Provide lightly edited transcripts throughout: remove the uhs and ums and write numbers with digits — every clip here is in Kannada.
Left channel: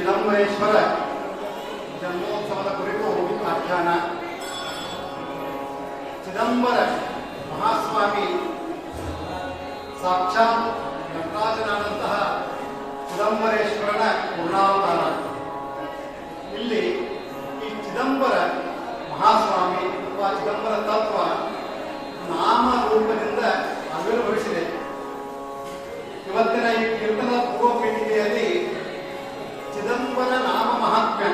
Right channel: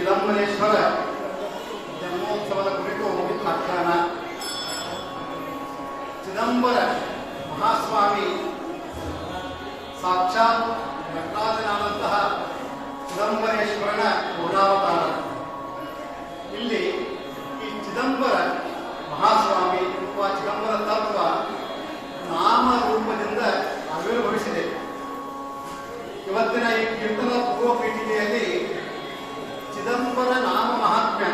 ಚಿದಂಬರೇಶ್ವರ ಜನ್ಮೋತ್ಸವದ ಕುರಿತು ಆಖ್ಯಾನ. ಚಿದಂಬರ ಮಹಾಸ್ವಾಮಿ ಸಾಕ್ಷಾತ್ ನಟರಾಜನಾದಂತಹ ಚಿದಂಬರೇಶ್ವರನ ಪೂರ್ಣಾವತಾರ. ಇಲ್ಲಿ ಈ ಚಿದಂಬರ ಮಹಾಸ್ವಾಮಿ ಅಥವಾ ಚಿದಂಬರ ತತ್ವ ನಾಮ ರೂಪದಿಂದ ಆವಿರ್ಭವಿಸಿದೆ. ಇವತ್ತಿನ ಈ ಕೀರ್ತನ ಪೂರ್ವ ಪೀಠಿಕೆಯಲ್ಲಿ ಚಿದಂಬರ ನಾಮ ಮಹಾತ್ಮ್ಯ,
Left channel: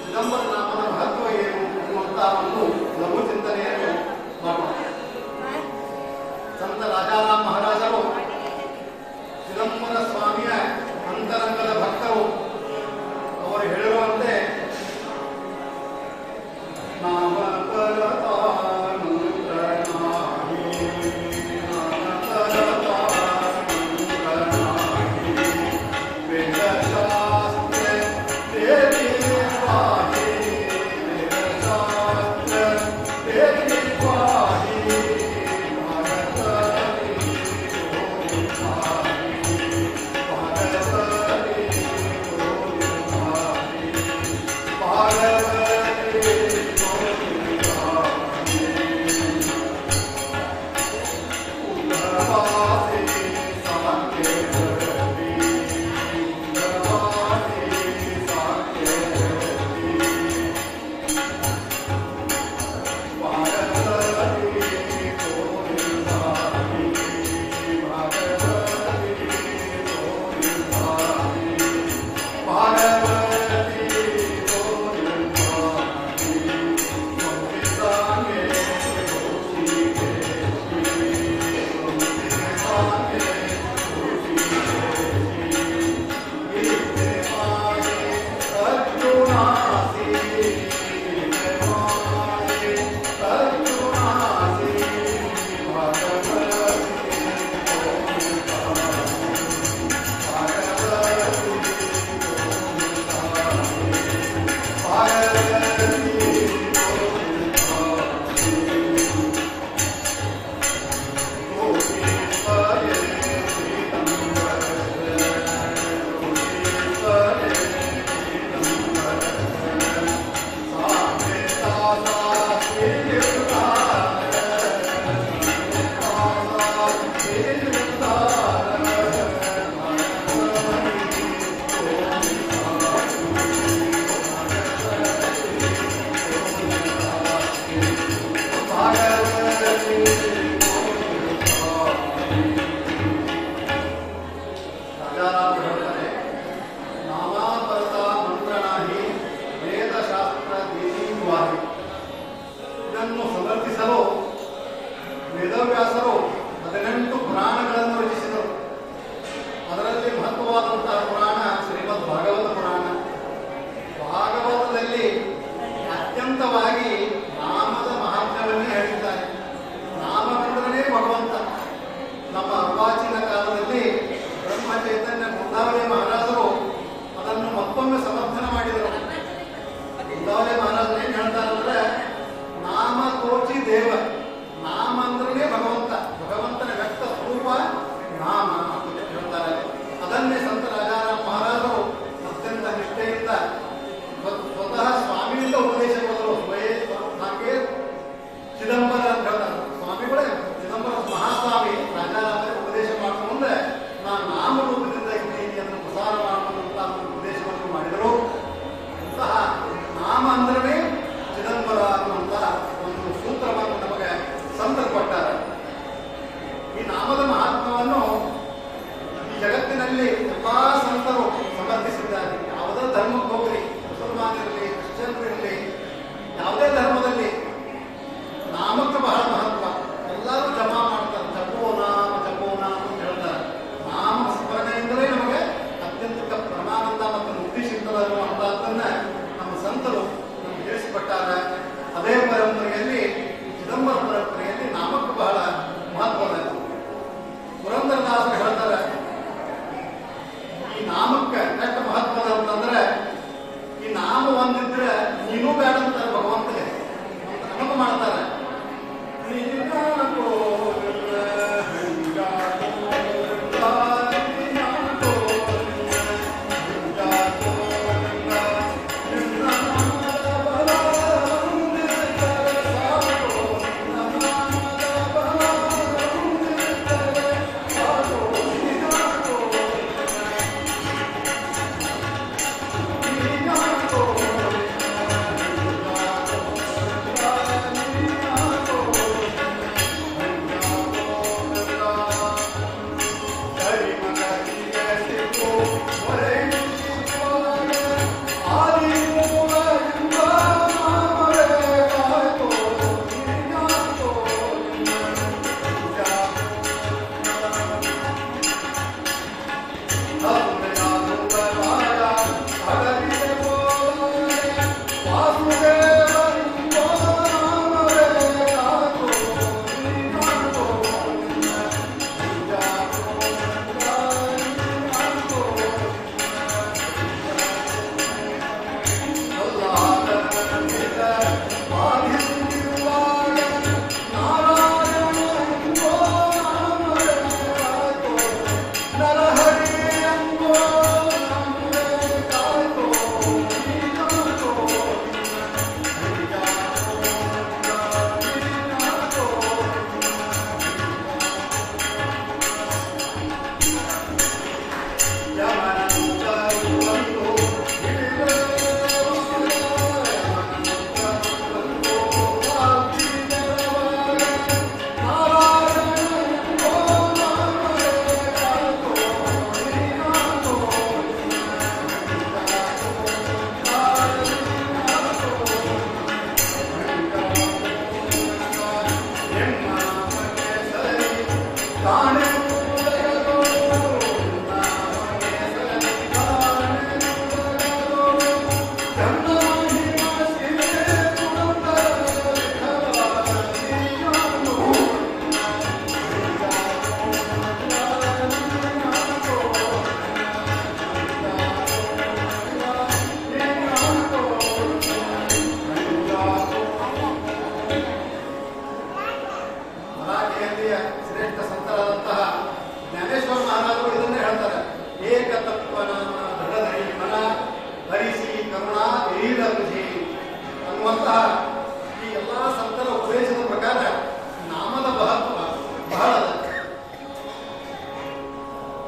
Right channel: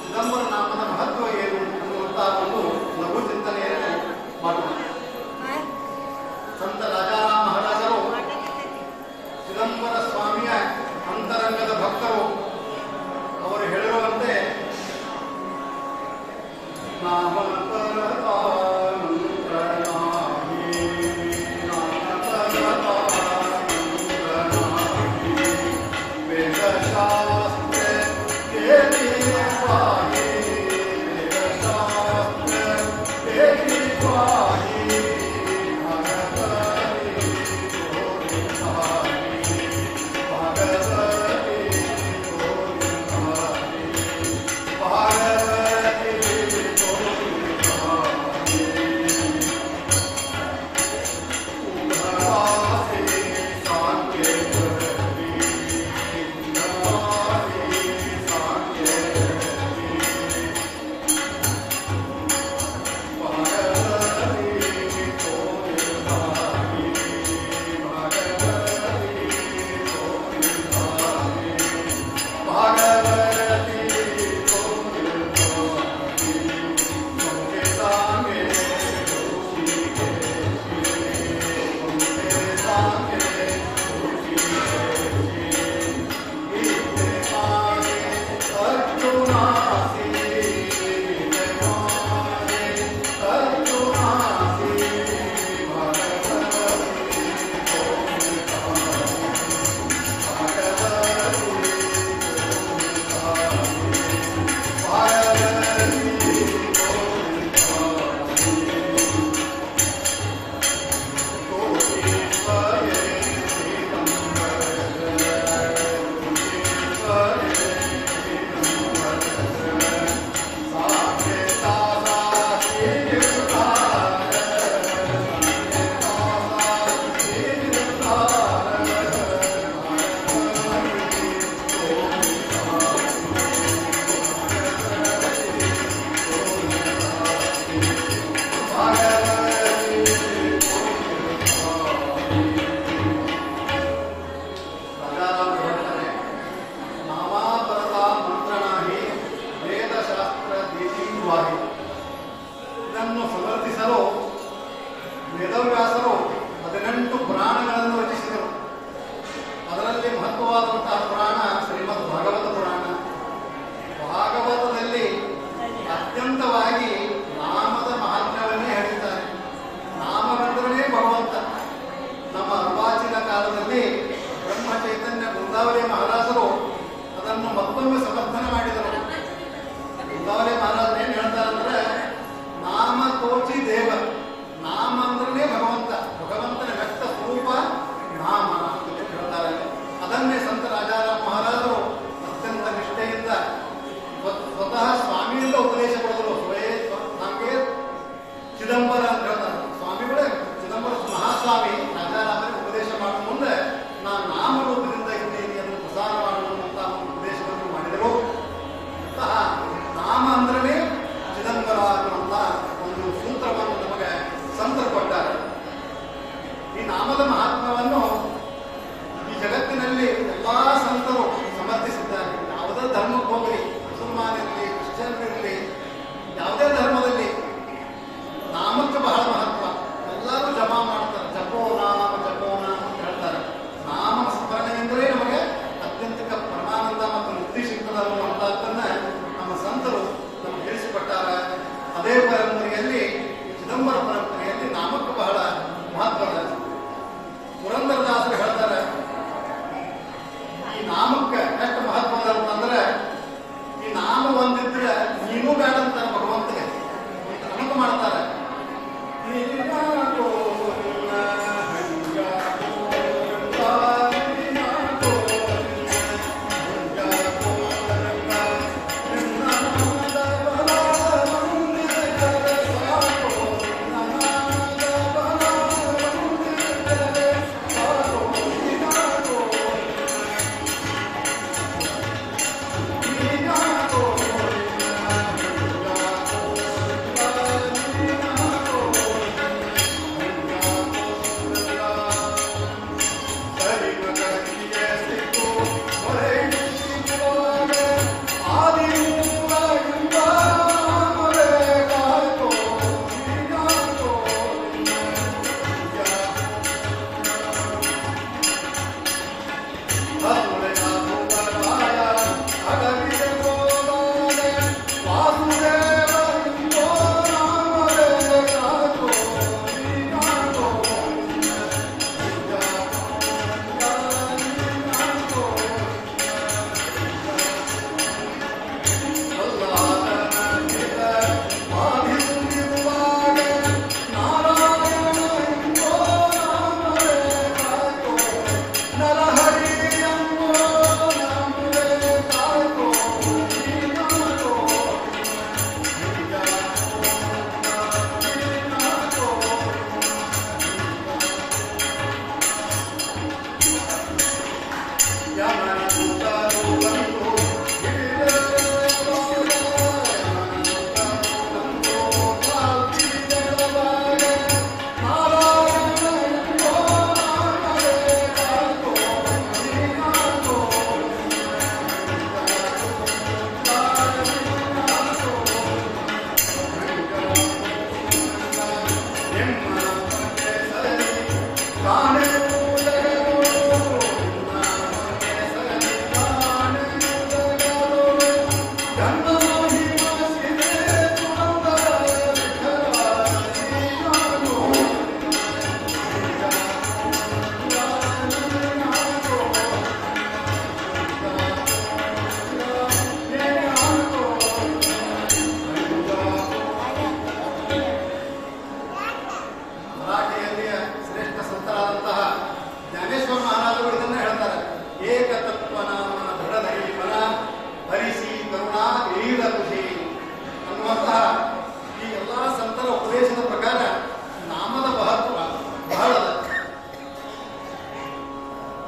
ಚಿದಂಬರ ನಾಮದ ಮಹತ್ವ ಏನು ಅನ್ನುವಂತಹ ಒಂದು ಲಘು ಚಿಂತನೆಯನ್ನು ಮಾಡೋಣ. ಸಂತ ರಾಜಾರಾಮ ಮಹಾರಾಜರು ಚಿದಂಬರ ಸ್ವಾಮಿಯ ಅಂತರಂಗದ ಭಕ್ತರು. ಅವರು ಹೇಳಿರುವಂತೆ ಇದನ್ನು ಸಮರ್ಥಿಸಲು ವೇದವ್ಯಾಸರು 18 ಪುರಾಣಗಳನ್ನು ರಚಿಸಿದರು. ಅದರಲ್ಲಿ ಮಹತ್ವವಾದಂತಹ ಪುರಾಣ ಶ್ರೀಮದ್ ಭಾಗವತ ಪುರಾಣ. ಭಾಗವತದಲ್ಲಿ ಅತ್ಯಂತವಾಗಿ ನಾಮದ ಮಹಾತ್ಮ್ಯವನ್ನೇ ಹೇಳಿದ್ದಾರೆ. ನಾಮವೆಂದರೇ ಭಗವಂತ. ನಮ್ಮ ಅರ್ವಾಚೀನ ಕಾಲದಲ್ಲಿ ಬ್ರಹ್ಮ ಚೈತನ್ಯ ಬೃಂದಾವಲಿ ಮಹಾರಾಜರು ಅದನ್ನು ಮತ್ತೊಮ್ಮೆ ಸಮರ್ಥನೆ ಮಾಡಿದರು. ಬೃಂದಾವಲಿ ಮಹಾರಾಜರು ಏನ್ ಹೇಳ್ತಾರಂದ್ರೆ, ನಾಮ ತೋಚಿ ದೇವ, ನಾಮ ಅಂದ್ರೆ ಭಗವಂತ, ಭಗವಂತನ ವ್ಯಕ್ತ ಸ್ವರೂಪ ನಾಮ ಅಂತ ಹೇಳ್ತಾರೆ. ಅದನ್ನೇ ಸಂತ ರಾಜಾರಾಮ ಮಹಾರಾಜರು ಅತ್ಯಂತ ನಿಷ್ಠೆಯಿಂದ ಸ್ವತಃ ಸ್ವಾಮಿಯಿಂದ ಉಪದೇಶ ಪಡೆದರು. ಹಾಗೆ ಚಿದಂಬರ ಅಂತ ಹೇಳ್ತಾರೆ. ಸ್ವಾಮಿಗಳೇ ಚಿದಂಬರ ಮಹಾಸ್ವಾಮಿ ರಾಜಾರಾಮರಿಗೆ ಉಪದೇಶ ಮಾಡುವ ಮುಂದೆ ನಾನು ನಾಮರೂಪದಿಂದ ಇದ್ದೀನಿ ಅದನ್ನು ಪ್ರಸಾರ ಮಾಡುವಂತ ಒಂದು ಉಪದೇಶವನ್ನು ಮಾಡಿದರು. ಅಂತಹ ನಾಮ ಅಂದ್ರೆ ಚಿದಂಬರ ಅನ್ನುವಂತ ಒಂದು ಸೂತ್ರವನ್ನು ನಮಗೆ ಸಂತರು ಕೊಟ್ಟಾರೆ. ಈ ನಾಮದ ಮಹಾತ್ಮವನ್ನು ಈ ಜಗತ್ತಿನಲ್ಲಿ ಎಲ್ಲಾ ಸಂತರು ಸಮರ್ಥಿಸಿದ್ದಾರೆ. ಯಾವುದೇ ಧರ್ಮಕ್ಕೆ ಹೋಗಲಿ, ಮುಸಲ್ಮಾನಿರಲಿ, ಕ್ರಿಶ್ಚಿಯನ್ರಿರಲಿ, ಯಾವುದೇ ಧರ್ಮದಲ್ಲಿ ನಾಮಕ್ಕೆ ಬಹಳ ಮಹತ್ವ. ಎಲ್ಲರೂ ಜಪಾ ಮಾಡ್ತಾರೆ. ಜಪೋ ನಾಮ ಜಪೋ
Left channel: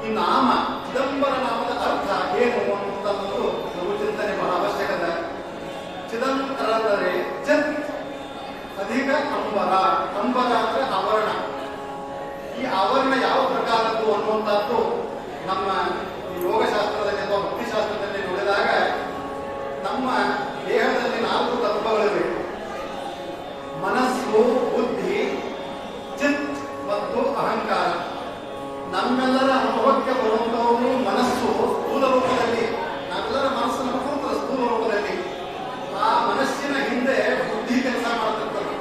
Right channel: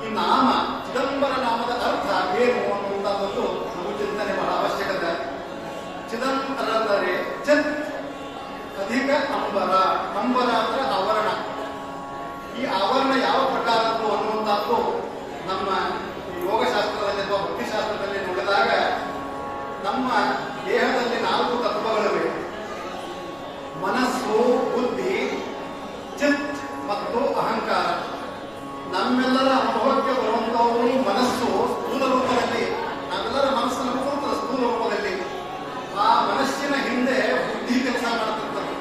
ಈ ನಾಮ ಚಿದಂಬರ ನಾಮದ ಅರ್ಥ ಏನು ಅನ್ನುವಂತ ಒಂದು ಲಘು ಚಿಂತನೆ ಬಹಳ ಅವಶ್ಯಕತೆ. ಚಿದಂಬರ ಅಂದರೆ ಚಿತ್ ಅಧಿಕ ಅಂಬರ. ಅಂಬರ ಅಂದ್ರೆ ಆವರಣ. ಈ ಆವರಣ ಯಾವ ಪ್ರಕಾರದ್ದು ಅನ್ನುವಂಥದ್ದು ನಮ್ಮ ಯೋಗಶಾಸ್ತ್ರದಲ್ಲಿ ಅಥವಾ ಭಕ್ತಿಶಾಸ್ತ್ರದಲ್ಲಿ ನೋಡಿದಾಗ ನಮ್ಮ ದೇಹದಲ್ಲಿ 4 ತತ್ವಗಳಿವೆ. ಮನಸ್ಸು, ಬುದ್ಧಿ, ಚಿತ್ ಮತ್ತು ಅಹಂಕಾರ. ನಮ್ಮೆಲ್ಲರ ಅನುಭವಕ್ಕೆ ಬರುವಂತವರು ಮನಸ್ಸು ಸ್ಥೂಲ ರೂಪದಲ್ಲಿ, ನಾವೆಲ್ಲರ ಮನಸ್ಸನ್ನು ಕೂರ್ತದೆ ಸ್ಥೂಲ ರೂಪದಲ್ಲಿ. ಆ ಮನಸ್ಸಿನ ಹಿಂದೆ ಬುದ್ಧಿ ಕೆಲಸ ಮಾಡ್ತಿರ್ತದೆ.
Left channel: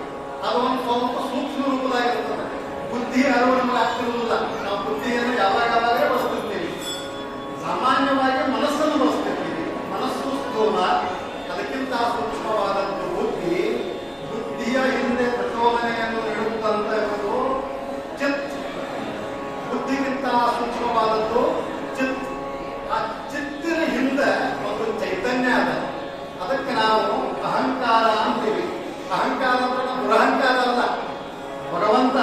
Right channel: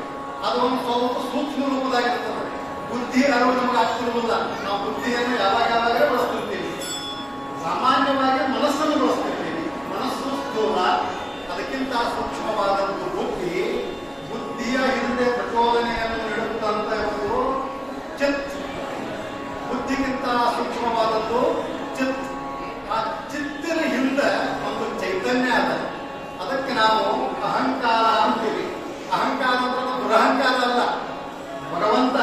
ಅದು ಒಂದು ಸ್ವಲ್ಪ ಸೂಕ್ಷ್ಮ ರೂಪದಾಗಿರ್ತದೆ. ಬುದ್ಧಿ ಅರಿವು ನಮಗೆ ಆಗ್ತಿರುವುದಿಲ್ಲ. ನಾವು ಬುದ್ಧಿಯನ್ನು ಯಾವಾಗ ಬಳಸ್ತಿರ್ತೀವಿ. ಸಾಮಾನ್ಯವಾಗಿ ಮನಸ್ಸನ್ನು ಬಳಸ್ತಿರ್ತೀವಿ. ಮನಸ್ಸು ಸ್ಥೂಲ, ಅದಕ್ಕಿಂತ ಸೂಕ್ಷ್ಮವಾದದ್ದು ಬುದ್ಧಿ. ಬುದ್ಧಿಯ ಹಿಂದೆ ಪ್ರಚೋದನೆಯನ್ನು ನೀಡುತ್ತಂತ ಇರುವುದು ಚಿತ್. ಬುದ್ಧಿಗಿಂತ ಸೂಕ್ಷ್ಮವಾದದ್ದು ಚಿತ್. ಆ ಚಿತ್ತಿನ ಹಿಂದೆ ಒಂದು ಚೈತನ್ಯ ಅದ. ಅದಕ್ಕೆ ನಾವು ಅಹಂಕಾರ ಅಂತೀವಿ. ಅಹಂಕಾರ ಅಂದ್ರೆ ದುರಹಂಕಾರ ಅಲ್ಲ. ಭಗವಂತ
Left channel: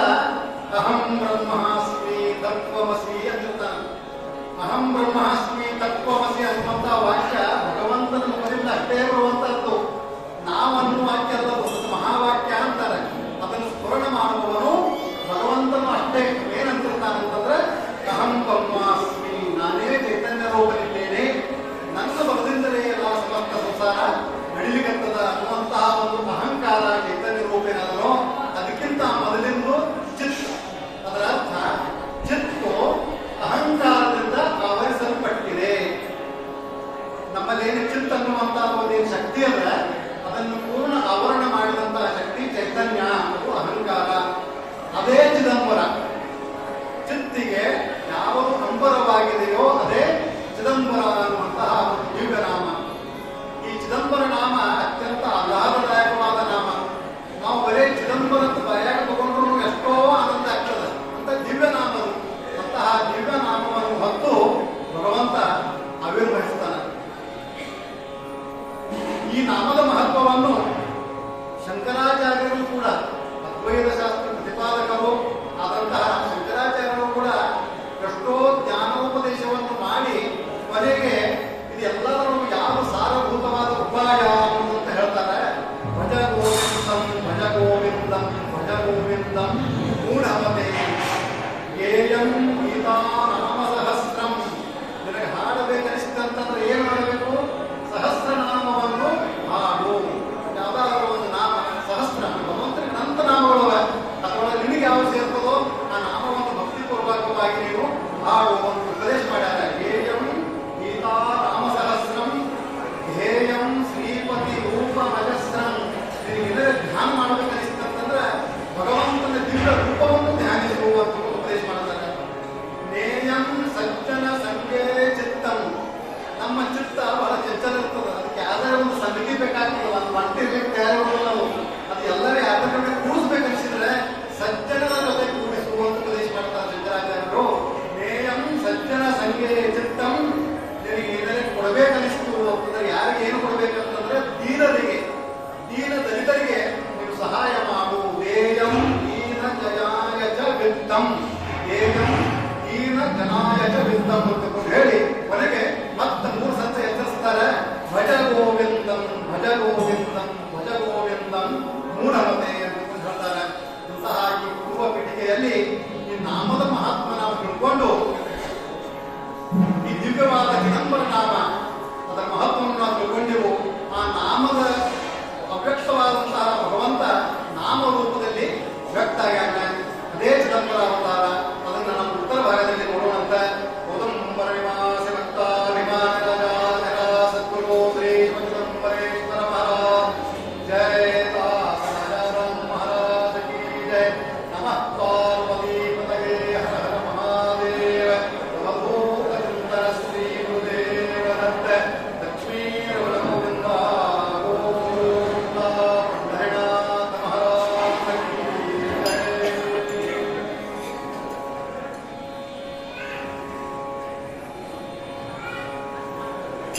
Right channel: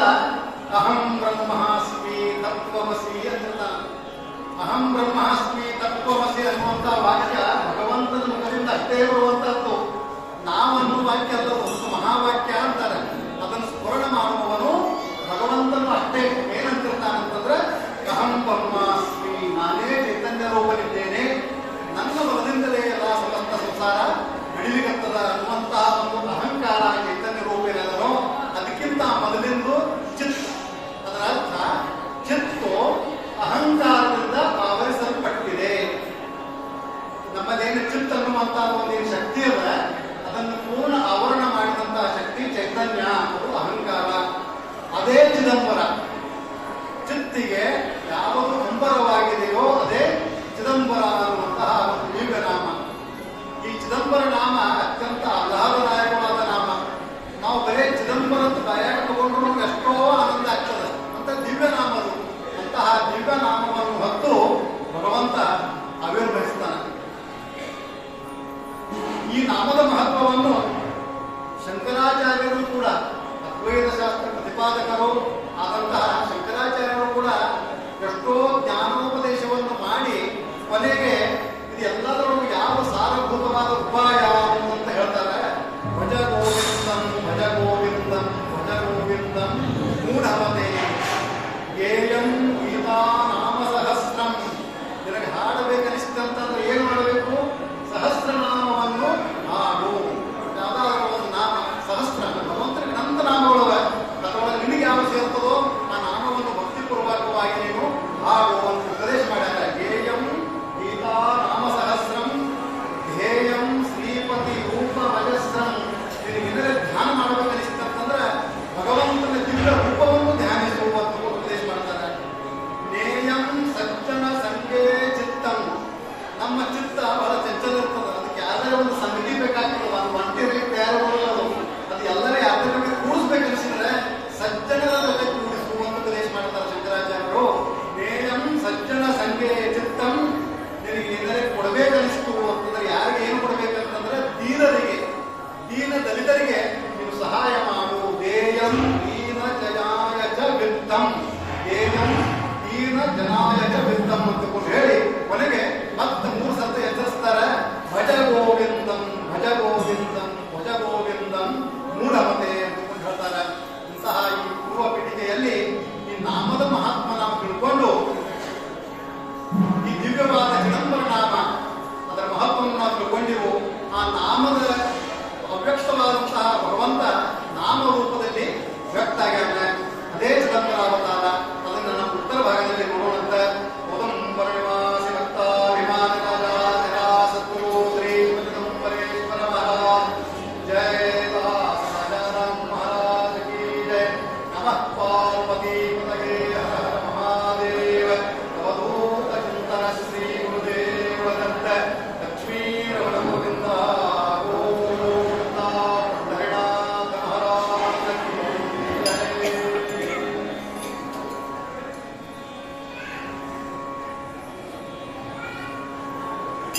ಅಹಂ ಬ್ರಹ್ಮಾಸ್ಮಿ ತತ್ವಮಸಿ ಅಂತಾನೆ. ಅಹಂ ಬ್ರಹ್ಮಾಸ್ಮಿ ತತ್ವಮಸಿ ಅನ್ನುವಂತ ವಾಕ್ಯ ಭಗವಂತನ ಮುಖದಿಂದ ಅಷ್ಟೇ ಬರುವಂತದ್ದು. ನಾವನ್ನು ವಾಕ್ಯ ಅಲ್ಲ, ಒಂದು ಮಹಾವಾಕ್ಯ ಅಂತಾರೆ. ಅದನ್ನು ಸ್ಮರಣ ಮಾಡುವವನು ಭಗವಂತನು ಅಷ್ಟೇ. ಏನಂತಿರ್ತಾನಂತಂದ್ರೆ ಅಹಂ ಬ್ರಹ್ಮಾಸ್ಮಿ, ನಾನೇ ಚೈತನ್ಯ ರೂಪದಲ್ಲಿದ್ದೇನೆ, ನನ್ನ ಬಲದಿಂದಲೇ ಎಲ್ಲ ಸಮಸ್ತ ಸಂಸಾರ ನಡಿಲಿಕ್ಕತ್ತದ ಅನ್ನುವಂತಹ ಒಂದು ಅಹಂಕಾರ ಚೈತನ್ಯ ರೂಪೇನದನೋ ಅದಕ್ಕಿಂತ ಮೊದಲಿಂದು ಚಿತ್. ಅದರ ಅರ್ಥ ಚಿತ್ತು ಅಹಂಕಾರದಿಂದ ಆವರಿಸಲ್ಪಟ್ಟಿದೆ. ನಮ್ಮಲ್ಲೇನು ಚಿತ್ ಅನ್ನುವಂತ ಒಂದು ಶಕ್ತಿ ಅದ, ಅದನ್ನು ಪೂರ್ಣ ಆವರಣ ಮಾಡಿದಂತಹ ಶಕ್ತಿ ಚೈತನ್ಯ, ಅದು ಅಹಂಕಾರ. ಅದೇ ಚಿದಂಬರ. ಚಿತ್ತಿಗೆ ಯಾವುದು ಅಂಬರವಾಗಿದೆಯೋ ಅದೇ ಚಿದಂಬರ ಅನ್ನುವಂತಹ ಒಂದು ದಿವ್ಯ ನಾಮ. ಈ ಚಿದಂಬರ ನಾಮ ಅತ್ಯಂತ ಆಹ್ಲಾದದಾಯಕವಾದ ನಾಮ. ನಾವು ಬರೇ ಚಿದಂಬರ ಬರೆಯಾಗ ತಗೊಂಡ್ರು ಎಷ್ಟೋ ಆನಂದ ಆಗ್ತದೆ ಅಂತ ದಿವ್ಯ ನಾಮ ಅದು. ಅಂತಹ ದಿವ್ಯ ನಾಮವನ್ನು ಹೊತ್ತು ಭಗವಂತ ಆವಿರ್ಭವಿಸ್ತಾನೆ. ಈ ನಾಮದ ಮಹತ್ವವನ್ನು ಶಂಕರಾಚಾರ್ಯರು ಕೂಡ, ಅದ್ವೈತ ಶಾಸ್ತ್ರ ಪ್ರತಿಪಾದಕರು ಆದಂತಹ ಶಂಕರಾಚಾರ್ಯರು ಕೂಡ ಎಷ್ಟೋ ಜ್ಞಾನೋಪದೇಶವನ್ನು ಮಾಡಿ ಕೊನೆಗೆ ಇದೆಲ್ಲದರಲ್ಲೂ ಯಾರು ಸಾರಭೂತವಾದ ಉಪಾಯ ಅಂತ ಹೇಳ್ತಾರೆ. ಭಜ ಗೋವಿಂದಂ ಭಜ ಗೋವಿಂದಂ ಭಜ ಗೋವಿಂದಂ ಮೂಢಮತೆ ಗೇಯಂ ಗೀತಾ ನಾಮ ಸಹಸ್ರಂ. ನಿನಗೆ ಹಾಡಬೇಕನಿಸ್ತಂತಂದ್ರೆ ಏನು ಮಾಡಬೇಕು? ಸಹಸ್ರನಾಮವನ್ನು ಹಾಡು. ಯಾವ್ದಾದ್ರು ಒಂದು ನಾಮ ಸಹಸ್ರ ಭಗವಂತನಿಗೆ ಅನಂತ ನಾಮಗಳು ಅದರೊಳಗೆ ನಿನಗೆ ಯಾವ ಸೇರ್ತದೋ ಆ ನಾಮವನ್ನು ಭಕ್ತಿಪೂರ್ವಕವಾಗಿ ನೀವು ಹಾಡು ಅಂತ ಉಪದೇಶ ಮಾಡ್ಯಾರ. ಗೇಯಂ ಗೀತಾ ನಾಮ ಸಹಸ್ರಂ ಧ್ಯೇಯಂ ಶ್ರೀಪತಿ ರೂಪ ಭಜಸ್ರಂ. ನಿನಗೆ ಧ್ಯಾನ ಮಾಡಬೇಕನಿಸ್ತಂತಂದ್ರೆ ಭಗವಂತನ ದಿವ್ಯ ರೂಪವನ್ನು ಧ್ಯಾನಿಸುವ ಉಪದೇಶ ಮಾಡ್ತಾರೆ. ನೇಯಂ ಸಜ್ಜನ ಸಂಗೇ ಚಿತ್ತಂ. ನಮ್ಮ ಚಿತ್ತ ಬಹಳ ಚಂಚಲ ಇರ್ತದೆ. ಅದಕ್ಕೆ ಯಾವ್ದಾರ ಒಂದು ಸಂಗತಿ ಬೇಕಾಗ್ತದೆ, ಒಂದು ಒಂಟಿ ತಯಾರುವುದಿಲ್ಲ. ಅದು ಎಲ್ಲರೇ ಯಾವ್ದಾರ ಕೂಡಿಸ್ಬೇಕನ್ಸಿದ್ರೆ ಸಜ್ಜನರ ಜೊತೆ ಕೂಡಿಸುವಂತ ಉಪದೇಶ ಮಾಡ್ತಾರೆ ಶಂಕರಾಚಾರ್ಯರು. ನೇಯಂ ಸಜ್ಜನ ಸಂಗೇ ಚಿತ್ತಂ. ನಿನಗೆ ಕೊಡಬೇಕನಿಸ್ತು ಅಂತಂದ್ರೆ ಯಾರಿಗೆ ಏನು ಕೊಡಬೇಕಂತಂದ್ರೆ ದೀನರಿಗೆ, ದೀನ ದಲಿತರಿಗೆ ನೀನು ಸಹಾಯ ಮಾಡು. ದೇಯಂ ದೀನ ಜನಾಯ ಚ ವಿತ್ತಂ. ದೇಯಂ ದೀನ ಜನಾಯ ಚ ವಿತ್ತಂ ಅಂತ ಹೇಳಿ ಕೊನೆಗೆ ಮತ್ತೆ 3 ಸತ ಎಚ್ಚರಿಸ್ತಾರೆ. ಭಜ ಗೋವಿಂದಂ ಭಜ ಗೋವಿಂದಂ ಭಜ ಗೋವಿಂದಂ ಮೂಢಮತೆ ಅಂತ ಹೇಳ್ತಾರೆ. ಇಂತಹ ಈ ಪೂರ್ವ ಪೀಠಿಕೆಯಲ್ಲಿ ಈ ನಾಮದ ಮಹಾತ್ಮ ನಾವು ತಿಳ್ಕೊಂಡು ಈ ದಿವ್ಯವಾದ ಚಿದಂಬರ ನಾಮ ಅದರ ಮಹತ್ವವನ್ನು ನಾವು ತಿಳ್ಕೊಂಡಿವು. ಆ ನಾಮದ ಅವ್ಯಕ್ತವಾದಂತಹ ಭಗವಂತ ನಾಮ ರೂಪದಲ್ಲಿ ವ್ಯಕ್ತ ಆಗ್ಯಾನ. ಅದೇ ಚಿದಂಬರ ಅವತಾರ. ಅದನ್ನು ನಮ್ಮ ಉತ್ತರ ಭಾಗದಲ್ಲಿ ನೋಡೋಣಂತ. ಓದಂಬರ ನಿವಾಸಿ ಭಕ್ತ ವಿಮಾನ ಸದ್ಗುರು ಶ್ರೀ ಚಿದಂಬರೇಶ್ವರ ಮಹಾರಾಜ್ ಜಯ. ರಾಜಾರಾಮ್ ಮಹಾರಾಜ ಕಿ ಜಯ. ನಮಃ ಪಾರ್ವತಿ ಪತಗೆ ಹರ ಹರ ಮಹಾದೇವ. ಅವಧೂತ ಚಿಂತನ ಶ್ರೀ ಗುರುದೇವ ದತ್ತ ಲಕ್ಷ್ಮೀ ರಮಣ ಗೋವಿಂದ ಗೋವಿಂದ ಪಂಡರಿನಾಥ ಮಹಾರಾಜ ಕಿ ಜಯ.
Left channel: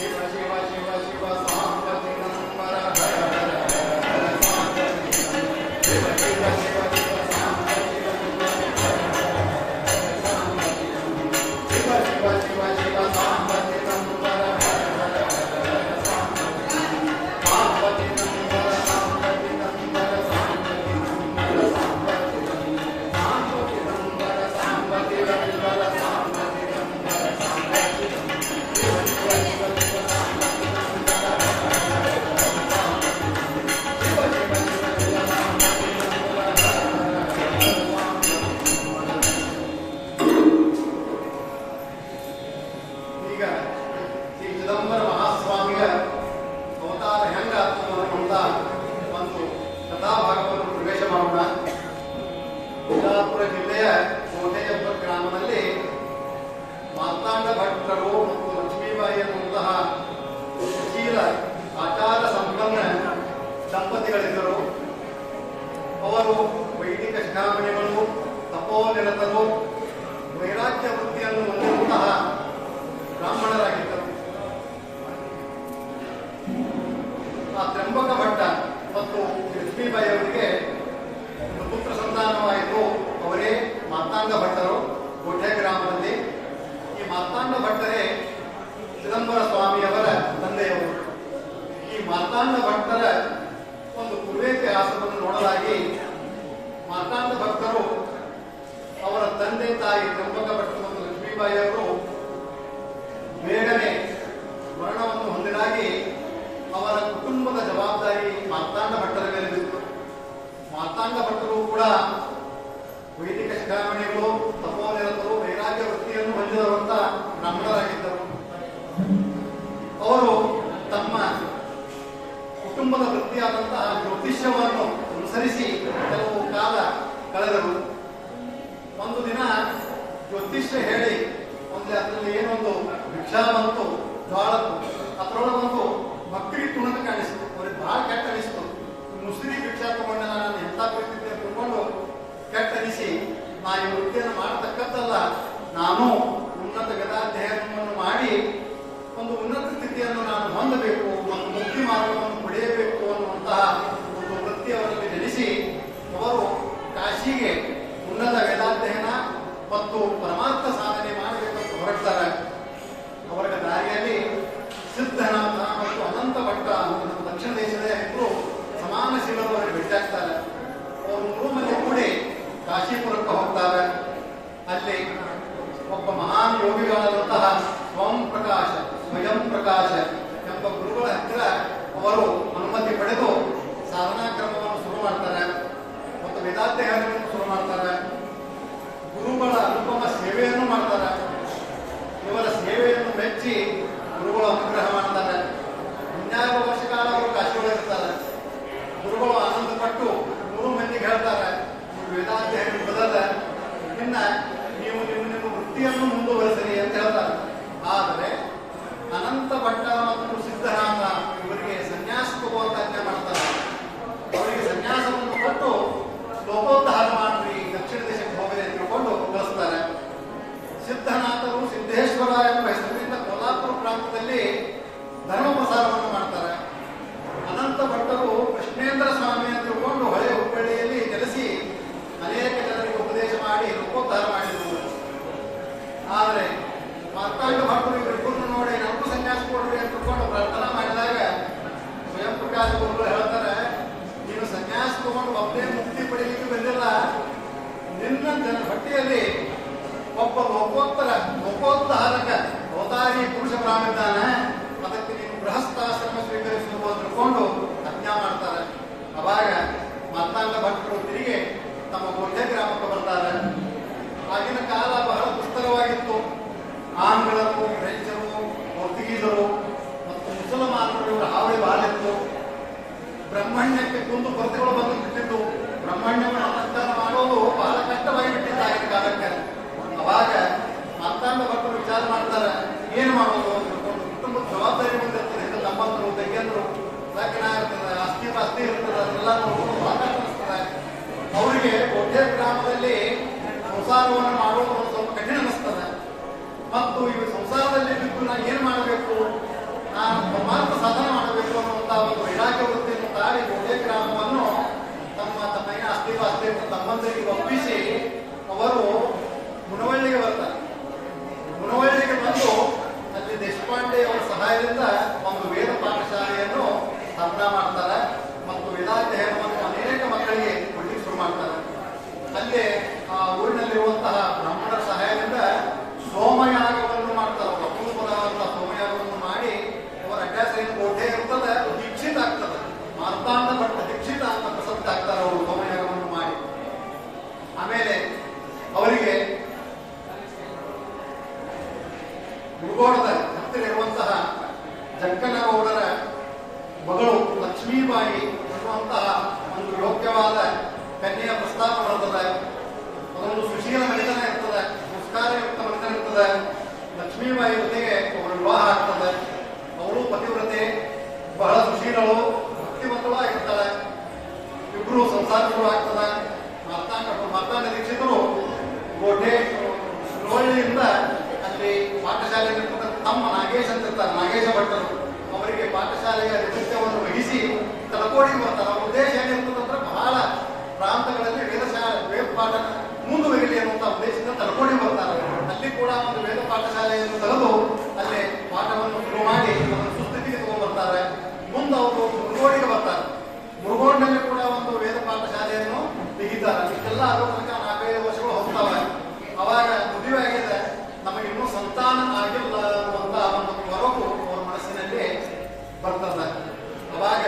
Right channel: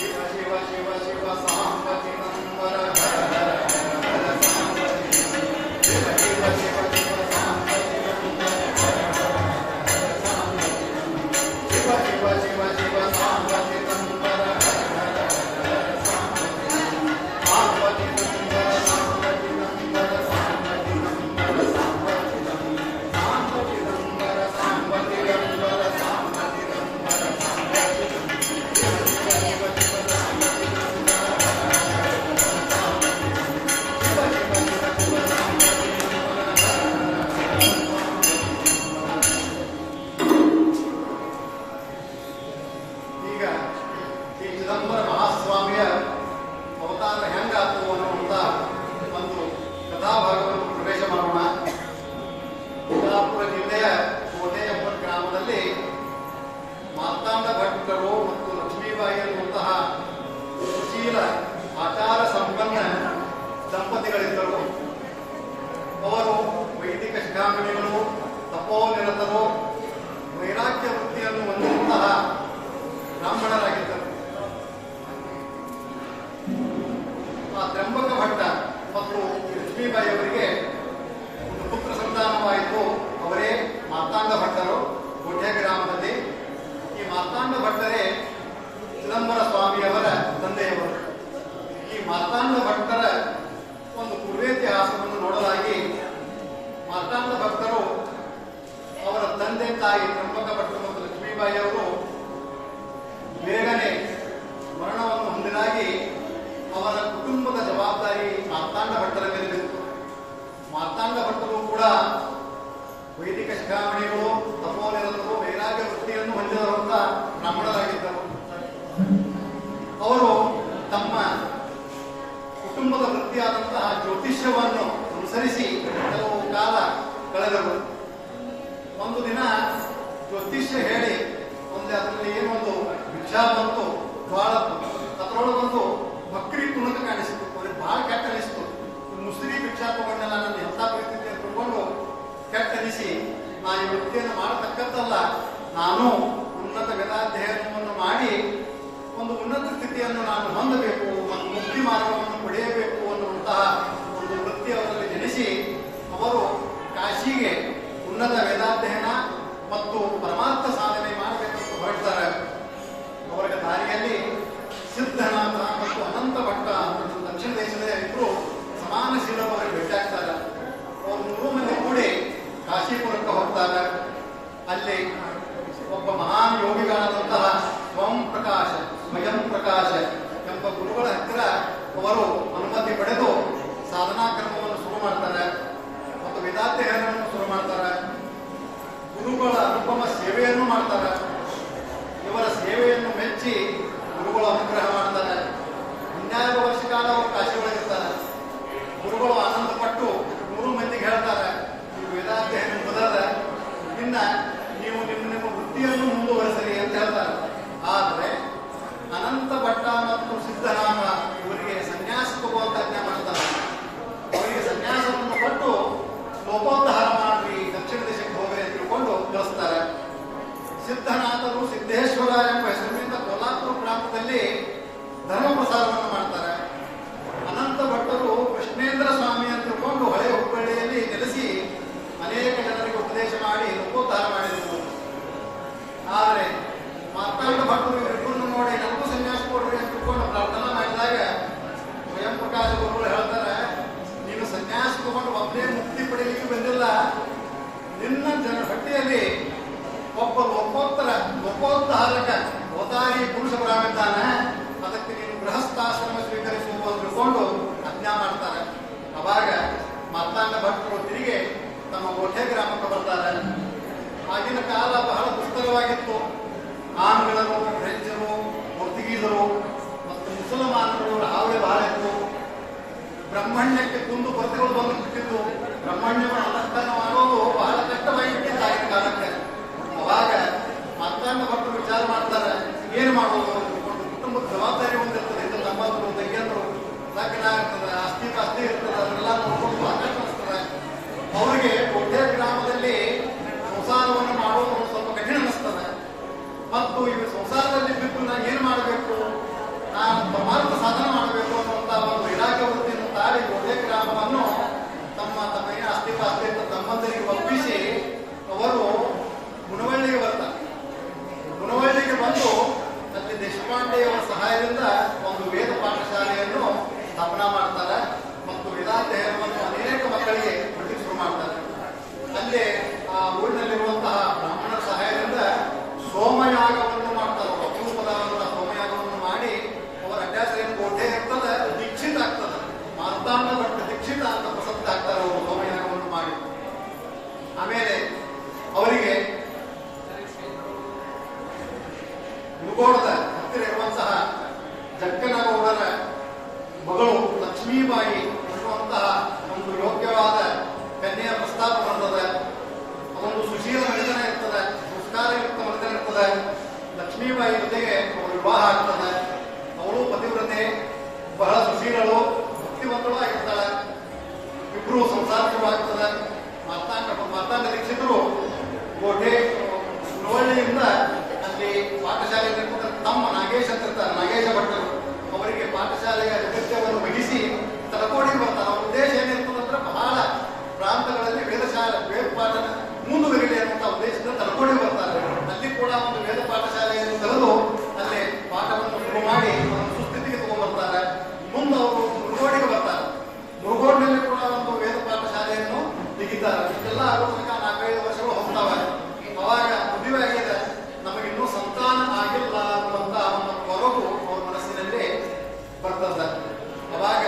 ಶಿವ ಶಿವ ಶಿವ ಶಿವ ಸಾಂಬ ಚಿದಂಬರ ಹರ ಹರ ಹರ ಸಾಂಬ. ಶಿವ ಶಿವ ಶಿವ ಶಿವ ಸಾಂಬ ಚಿದಂಬರ ಹರ ಹರ ಹರ ಸಾಂಬ. ಶಿವ ಲಕ್ಷ್ಮೀಬಾಯಿ ಅವರಿಗೆ ಒಂದು ಪುತ್ರ ಸಂತಾನವಾಯಿತು. ಅವರೇ ಮಾರ್ತಾಂಡ ಭಟ್ಟರು, ಗೋಠೆ ಗ್ರಾಮದಲ್ಲಿ. ಈ ಮಾರ್ತಾಂಡ ಭಟ್ಟರೇ ಚಿದಂಬರ ಸ್ವಾಮಿಯವರ ತಂದೆಯವರು. ಈ ಮಾರ್ತಾಂಡ ಭಟ್ಟರ ಒಂದು ಪೂರ್ವೇತಿಹಾಸವನ್ನು ನೋಡಲಾಗಿ ಮಾರ್ತಾಂಡ ಭಟ್ಟರು ಅವರ ತಂದೆ ತಾಯಿ ತ್ರಂಬಕ ಭಟ್ಟರು ಮತ್ತು ಲಕ್ಷ್ಮೀಬಾಯಿ ಅವರು ಬೇಗನೆ ಮರಣವನ್ನು ಹೊಂದಿರಾಗಿ ಅವರ ಕುಟುಂಬದ ಜವಾಬ್ದಾರಿ ಮಾರ್ತಾಂಡ ಭಟ್ಟರ ಮೇಲೆ ಬಿತ್ತು. ಮಾರ್ತಾಂಡ ಭಟ್ಟರು ಕೂಡ ವೈದಿಕ ಶಿಖಾಮಣಿಗಳು, ತಪೋನಿರತರು, ವೈರಾಗ್ಯ ವೃತ್ತಿಯನ್ನು ಹೊಂದಿರುವಂತ ಬ್ರಾಹ್ಮಣರಾಗಿದ್ದರು. ಅವರು ತಮ್ಮ ಕುಟುಂಬದ ವೃತ್ತಿಯಾದಂತಹ ಜ್ಯೋತಿಷ್ಯವನ್ನು ಅನುಸರಿಸಿ ಕೆಲವು ಕಾಲ ಕಳೆದರು. ಒಂದು ದಿನ ಜ್ಯೋತಿಷ್ಯ ಹೇಳಿ ಅದರಲ್ಲಿ ಏನೊಂದು ವಿಚಾರ ಬಂತು, ಜ್ವಾಳತ್ತು, ಅದರೊಳಗೊಂದು ಮಕ್ಕಳಿ ತುಣಕ ಕಾಣಿಸ್ತು. ಅವ್ರಿಗೆ ಬಹಳ ಕೆಟ್ಟ ಅನಿಸ್ತು. ಮುಸ್ರಿ ಭಿಕ್ಷಾ ತಗೊಂಡು ನಾನು ಎಂತ ಪ್ರೀತಿ ತಗೊಂಡು ಕೆಟ್ಟ ಅನಿಸಿ ನಾನು ಈ ವೃತ್ತಿಯನ್ನು ಮಾಡತಕ್ಕದ್ದಲ್ಲ, ನಾನು ಉನ್ನತ ವೇದಾಧ್ಯಯನವನ್ನು ಮಾಡಿ ಒಂದು ಉನ್ನತ ಸ್ಥಿತಿಯನ್ನು ನಾನು ಹೊಂದಬೇಕು ಮತ್ತು ಮುಕ್ತಿ ಮಾರ್ಗವನ್ನು ಪಡೆಯಬೇಕು ಅನ್ನುವಂತಹ ಒಂದು ವೃತ್ತಿ ಅವರಲ್ಲಿ ಜನಿಸಿ ಅವರು ಕಾಶಿಗೆ ಉನ್ನತ ವೇದಾಧ್ಯಯನ ಮತ್ತು ಪರಮಾರ್ಥ ಸಾಧನೆ ಮಾಡಬೇಕಂತ ಹೊರಡ್ತಾರೆ. ಅವರ ದಾರಿಯಲ್ಲಿ ಸಿದ್ಧನಾಥ ಮತ್ತು ಅನಂತ ಭಟ್ಟ ದಕ್ಷಿಣ ದೇಶದ ಇಬ್ಬರು ಸಮಾನಶೀಲರು ಅವರಿಗೆ ಭೇಟಿಯಾಗ್ತಾರೆ. ಅವರು 3 ಮಂದಿ ಕೂಡಿ ಕಾಶಿಪುರಕ್ಕೆ ಹೋಗ್ತಾರೆ. ಅಲ್ಲಿ ಒಬ್ಬ ಮಹಾನ್ ಯೋಗಿಗಳಾದಂತಹ ಸ್ವಯಂ ಪ್ರಕಾಶ ಎಂಬ ಗುರುಗಳ ಹತ್ತಿರ ಅವರು ಅನುಮತಿ ಪಡೆದು ಸಾಧನಾ ಕ್ರಮವನ್ನು ಶುರು ಮಾಡ್ತಾರೆ ಮತ್ತು ವೇದಾಧ್ಯಯನವನ್ನು ಶುರು ಮಾಡ್ತಾರೆ. ಗುರುಗಳ ಅನುಪಮ ಸೇವೆಯನ್ನು ಮಾಡ್ತಾರೆ. ಇವರ ಸೇವೆಯನ್ನು ಮೆಚ್ಚಿ ಗುರುಗಳು ಅನುಗ್ರಹ ಮಾಡ್ತಾರೆ. 12 ವರ್ಷ ಕಾಲ ಅವರು ಕಾಶಿಯೊಳಗಿರ್ತಾರೆ. ಗುರುಗಳು ಆನಂದಪಟ್ಟು 3 ಮಂದಿಗೆ ಹೇಳ್ತಾರೆ, ವೇದಾಧ್ಯಯನ ಬದಲ ಇನ್ನ ನೀವು ನಿಮ್ಮ ವೃತ್ತಿಯನ್ನು ಮುಂದುವರೆಸಲಿ ಅಂತ ಹೇಳ್ತಾರೆ. ಆದರೆ ಅನಂತ ಭಟ್ಟ ಮತ್ತು ಸಿದ್ಧನಾಥ ಇವರಿಗೆ ಸನ್ಯಾಸ ತಗುವಂತ ಆಜ್ಞೆ ಮಾಡ್ತಾರೆ. ಅವರಿಗೆ ಸನ್ಯಾಸವನ್ನು ಕೊಟ್ಟು ಲೋಕೋದ್ಧಾರ ಮಾಡಿ ದಕ್ಷಿಣ ದೇಶಕ್ಕೆ ಹೋಗಲಿ ಅಂತ ತಿಳ್ಕೊಂಡು ಕಳಿಸ್ತಾರೆ. ಸಿದ್ಧನಾಥರು ಸಿದ್ದೇಶ್ವರ ಎಂಬ ಹೆಸರಿನಿಂದ ಕೋಲ್ಹಾಪುರ ಪ್ರಾಂತದಲ್ಲಿ ಧರ್ಮ ಪ್ರಸಾರವನ್ನು ಮಾಡ್ತಾರೆ. ಅನಂತ ಭಟ್ಟರು ಕೃಷ್ಣೇಂದ್ರ ಸ್ವಾಮಿ ಅಂತ ತಿಳ್ಕೊಂಡು ಹೊಳೆ ಹುಬ್ಬಳ್ಳಿಯಲ್ಲಿ ನೆಲೆಸಿ ಅನೇಕ ಜನರಿಗೆ ಉಪದೇಶ ಮಾಡಿ ಲೋಕೋದ್ಧಾರ ಮಾಡಿದರು. ಆದರೆ ಮಾರ್ತಾಂಡ ಭಟ್ಟರು ಇವರಿಬ್ಬರನ್ನು ನೋಡಿ ನಮಗೂ ಸನ್ಯಾಸ ಕೊಡ್ರಿ ಅಂತ ತಿಳ್ಕೊಂಡು ಪ್ರಾರ್ಥನಾ ಮಾಡಿದಾಗ ಸ್ವಯಂ ಪ್ರಕಾಶ ಗುರುಗಳು ಹೇಳ್ತಾರೆ, ನೀವು ಸನ್ಯಾಸ ತಗೊಂಡು ಒಬ್ಬನೇ ಮುಕ್ತಿ ಪಡೆಯಲಿಕ್ಕೆ ಬಂದಿಲ್ಲ, ನಿನ್ನ ಹೊಟ್ಟೆಯಲ್ಲಿ ಒಬ್ಬ ಲೋಕೋದ್ಧಾರಕ ಅವತಾರಿ ಪುರುಷ ಪ್ರಾಣಿದ್ದಾನೆ, ಅದಕ್ಕೆ ನೀನು ಗೃಹಸ್ಥಾಶ್ರಮ ಸ್ವೀಕರಿಸಬೇಕು ಅಂತ ತಿಳ್ಕೊಂಡು ಆಜ್ಞಾ ಮಾಡ್ತಾರೆ. ಅವಾಗ ಮಾರ್ತಾಂಡ ಭಟ್ಟರು ತಿರುಗಿ ತಮ್ಮ ಗೋಠೆ ಗ್ರಾಮಕ್ಕೆ ಬರ್ತಾರೆ. ಆಗಿನ ಕಾಲ ಬಹಳ ದುಸ್ತರವಾಗಿತ್ತು. ಆಂಗ್ಲರು, ಫ್ರೆಂಚರು, ಪೋರ್ಚುಗೀಸರು ಮತ್ತು ಮುಸಲ್ಮಾನರು ಹಾವಳಿ ಬಹಳ ಇತ್ತು. ಬ್ರಹ್ಮಣ್ಯಕ್ಕೆ ಕುಂದು ಕೊರತೆಗಳು ಬಂದು ಬಿಟ್ಟಿದ್ದು. ಬ್ರಹ್ಮಣ್ಯವನ್ನು ಅಲಂಕಾರ ಮಾಡೋದು ಬಹಳ ಕಷ್ಟವಾಗಿ ಬಿಟ್ಟಿದ್ದ ಆಗಿನ ಕಾಲಕ್ಕೆ. ಅವಾಗ ಮಾರ್ತಾಂಡ ಭಟ್ಟರು ವಿಚಾರ ಮಾಡ್ತಾರೆ, ಏನು ಮಾಡೋದು ಅಂತ ತಿಳ್ಕೊಂಡು. ಕುಟುಂಬದ ಜವಾಬ್ದಾರಿ ಒಂದಿರ್ತದೆ, ಇದು ತಮ್ಮಂದ್ರು ತಂಗಿಯಂದ್ರು ಇರ್ತದೆ, ಆಸ್ತಿ ಪಾಸ್ತಿ ಇರ್ತದೆ, ಅದನ್ನೆಲ್ಲ ನೋಡ್ಕೊಂಡು ಬಹಳ ಕಷ್ಟ ಅನಿಸ್ತದೆ. ಅವರಿಗೆ ಗೋಠೆ ಗ್ರಾಮದಲ್ಲಿ ಸಂಸಾರವನ್ನು ಮಾಡೋದು ಸ್ವಲ್ಪ ಕಠಿಣ ಅನಿಸ್ತದೆ. ಮತ್ತು ಇವು ಸಂಸಾರದಲ್ಲಿ ಬಿದ್ದು ನಾನು ಏನು ಮಾಡಬೇಕು, ನಾನು ಪರಮಾರ್ಥ ಸಾಧನೆ ಮಾಡಬೇಕು ಅನ್ನುವಂತಹ ಒಂದು ವೈರಾಗ್ಯ ವೃತ್ತಿಯನ್ನು ತಾಳಿ ಗೋಠೆ ಗ್ರಾಮವನ್ನು ತಮ್ಮ ಆಸ್ತಿ ಪಾಸ್ತಿ ತಮ್ಮಂದರಿಗೆ ಒಪ್ಪಿಸಿ ಅವರು ಮುನವಳ್ಳಿಗೆ ಬರ್ತಾರೆ. ಮುನವಳ್ಳಿಗೆ ಬಂದು ಅಲ್ಲಿ ದೇಶಪಾಂಡೆಯವರ ಸಹಾಯದಿಂದ ಒಂದು ವೇದ ಪಾಠಶಾಲೆಯನ್ನು ಸ್ಥಾಪನಾ ಮಾಡ್ತಾರೆ ಮತ್ತು ವೇದಾಧ್ಯಯನವನ್ನು ಅನೇಕ ಮಕ್ಕಳಿಗೆ ಕೊಡಲಿಕ್ಕೆ ಶುರು ಮಾಡ್ತಾರೆ. ಅಲ್ಲಿ ಆ ಊರಿನಲ್ಲಿರುವಂತಹ ಬ್ರಾಹ್ಮಣರ ಸಹಾಯದಿಂದ ಸೋಮಯಾಗವನ್ನು ಮಾಡ್ತಾರೆ. ಪ್ರಪೂತವಾದಂತಹ ಸೋಮಯಾಗವನ್ನು ಮಾಡಿ ಅವರ ಅಭ್ಯಾಸ ಏನು ಗೋಠೆ ಇರ್ತದೆ, ದೀಕ್ಷಿತ ಆಗ್ತದೆ. ಮಾರ್ತಾಂಡ ಭಟ್ಟ ದೀಕ್ಷಿತ ಅಂತ ಪ್ರಸಿದ್ಧ ಆಗ್ತಾರೆ ಅವರು ಸೋಮಯಾಗವನ್ನು ಮಾಡಿ. ಆಮೇಲೆ ಅವರಿಗೆ ಮುಗೋಡದ ಹತ್ತಿರ ಇರುವಂತಹ ಜಕ್ಕನಗೌಡರ ಮಗಳು ಲಕ್ಷ್ಮೀಬಾಯಿ ಅನ್ನುವಂತಹ ಒಂದು ಯೋಗ್ಯವಾದ ಕನ್ಯೆಯ ಪ್ರಸ್ತಾಪ ಬರ್ತದೆ. ಅದೊಂದು ಸುಶೀಲ ಮನಿತನ ಇರ್ತದೆ, ಸಂಸ್ಕಾರಯುಕ್ತ ಮನಿತನ ಇರ್ತದೆ. ಲಕ್ಷ್ಮೀಬಾಯಿ ಜೊತೆಗೆ ಅವರ ವಿವಾಹ ಆಗ್ತದೆ. ಅವಳು ಪತಿವ್ರತೆ, ಬಹಳ ಸುಶೀಲಳು, ಭಕ್ತಿವಂತಳು ಆಗಿರ್ತಾಳೆ. ಇಬ್ರು ಸಂಸಾರ ಶುರು ಆಗ್ತದೆ. ಮಾರ್ತಾಂಡ ದೀಕ್ಷಿತರು ಗೋಠೆ ಸುರವಳ್ಳಿಯಿಂದ ಅಲ್ಲಿ ಪಾಠಶಾಲೆ ತಮ್ಮ ನಾಗೇಶ್ ಅಂತ ಇರ್ತಾರೆ, ನಾಗೇಶ ಭಟ್ಟರು ಅವರಿಗೆ ಪಾಠಶಾಲೆಯ ಅಗತ್ಯವನ್ನು ವಹಿಸಿ ತಲಕೋಡಿಗೆ ಬರ್ತಾರೆ. ಅವ್ರ ಉದ್ದೇಶ ಏನಿರ್ತದಂದ್ರೆ ಬಹಳ ಪ್ರಾಂತಗಳಲ್ಲಿ ವೇದ ಪಾಠ ಮುಂದುವರಿಯಲಿ ಅನ್ನುವಂಥ ಉದ್ದೇಶದಿಂದ ತಳ್ಕೊಂಡು ಬರ್ತಾರೆ. ಅಲ್ಲಿ ಕೂಡ ಒಂದು ವೇದ ಪಾಠಶಾಲೆಯನ್ನು ತೆಗೆದು ಅಲ್ಲೇ ಪಾಠವನ್ನು ಶುರು ಮಾಡಿ ಅದನ್ನು ಸುಸ್ಥಿತಿಗೆ ತಗೊಂಡ್ಬರ್ತಾರೆ. ಮುಂದೆ ಅವರು ಮುರುಗೋಡಿಗೆ ಬರ್ತಾರೆ. ಮುರುಗೋಡಿನಲ್ಲಿ ಕೂಡ ಒಂದು ವೇದ ಪಾಠಶಾಲೆಯನ್ನು ತೆಗಿತಾರೆ. ಇಷ್ಟೆಲ್ಲ ಆಗೋ ತನಕ 4-5 ವರ್ಷಗಳು ಹೋಗ್ತಾವೆ. ಅವಾಗ ಮದುವೆ ಆಗಿದೆ, ನಮಗಿನ್ನೂ ಸಂತಾನ ಆಗಿಲ್ಲ ಅನ್ನುವಂತ ಒಂದು ಕೊರಗು ಅವ್ರ ಮನಸ್ಸಿನಲ್ಲಿ ಬರ್ತದೆ. ಅವಾಗ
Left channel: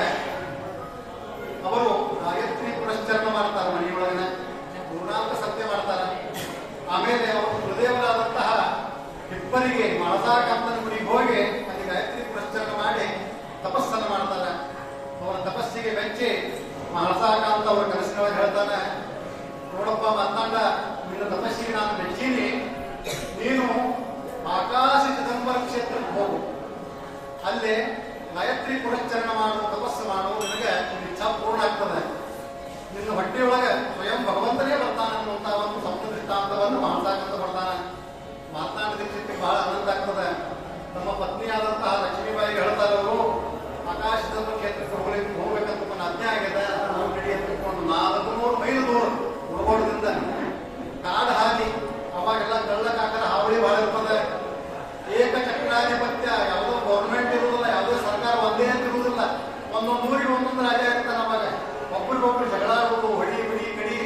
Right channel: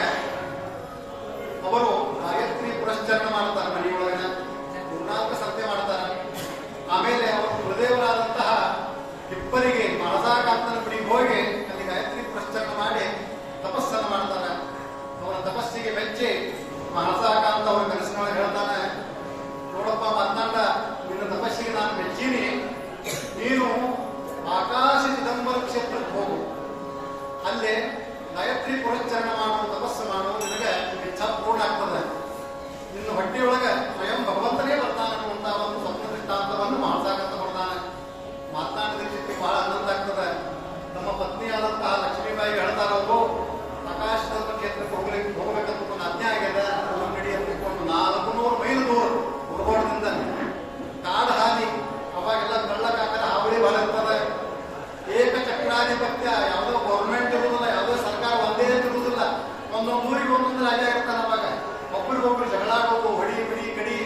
ಅವರು ಗಾಯತ್ರಿ ಪುರಸ್ಚರಣ ಮಾಡ್ತಾರೆ. ಮನೆಯೊಳಗನ 4 ಸತ್ಯ ಮಾಡ್ತಾರೆ. ಆಮೇಲೆ ಅವರು ಗುರುದೇವರಾದಂತಹ ಹಿಪ್ಪರಿಗೆ ಮಳಸಾಕಾಂತನ ಗುಡಿಗೆ ಹೋಗಿ ಅಲ್ಲಿ ಗಾಯತ್ರಿ ಪುರಸ್ಚರಣ ಮಾಡಿ ತಪಸ್ಸನ್ನು ಮಾಡ್ತಾರೆ. ಅವರ ತಪಸ್ಸಿಗೆ ಮೆಚ್ಚಿ ಮಳಸಾಕಾಂತ ಅವರ ಕನಸಿನೊಳಗೆ ಹೇಳ್ತಾನೆ, ನೋಡಪ್ಪ ಮಾತಂಡ, ನಿನ್ನ ತಪಸ್ಸಿಗೆ ನಾನು ಮೆಚ್ಚೀನಿ, ನೀನು ಆಕಾಶ ಚಿದಂಬರ ಕ್ಷೇತ್ರಕ್ಕೆ ಹೋಗು, ಅಲ್ಲಿ ಗಾಯತ್ರಿ ಪುರಸ್ಚರಣ ಮಾಡು, ತಪಸ್ಸು ಮಾಡು, ನಿನಗೆ ಇಚ್ಛಾ ಪೂರ್ಣ ಆಗ್ತದೆ. ನಿನ್ನ ಹೊಟ್ಟೆಯೊಳಗೆ ಸ್ವಯಂ ಭಗವಂತನೇ ಬರ್ತಾನೆ ಅನ್ನುವಂತಹ ಒಂದು ಸ್ವಪ್ನ ದೃಷ್ಟಾಂತವನ್ನು ಮಾತಾಡಂತ ಬರ್ತಾನೆ. ಮಾತನಾಡಲಿಕ್ಕೆ ಬಹಳ ಆನಂದ ಆಗ್ತದೆ. ನಮ್ಮ ಪತ್ನಿಯಾದಂತಹ ಲಕ್ಷ್ಮೀಬಾಯಿ ಹೇಳ್ತಾರವರು, ಆಕಾಶದ ಕ್ಷೇತ್ರಕ್ಕೆ ಹೋಗ್ಬೇಕಂತ ಒಂದು ಅಜ್ಞೆ ಆಗಿದೆ. ಗಡಿ ಎತ್ತಿಕೊಂಡು 400 ಮೈಲು ದೂರ ಮುರುಗೋಡದಿಂದ ಕಾಡು ಹಾದಿ. ಅವಾಗೆಲ್ಲ ಕಳ್ಳಕಾಕರ ಹಾವಳಿ ಬಹಳ ಇರ್ತದೆ. ಏಕಚಕ್ರಾಧಿಪತ್ಯ, ಯಾವುದೋ ಗೌರ್ಮೆಂಟ್ ಇರುವುದಿಲ್ಲ, ಯಾವುದೋ ಸರ್ಕಾರ ಒಂದೇ ಅಂತ ಇರುವುದಿಲ್ಲ. ಒಂದೊಂದು ಊರಿಗೆ ಒಂದೊಂದು ರಾಜ ಇರ್ತಾನೆ. ಅವಾಗ ಒಬ್ಬರಿಗೊಬ್ಬರು ಜಗಳಾಡುವುದು, ಹೊಡಿ ಬಡಿ ಕಡಿ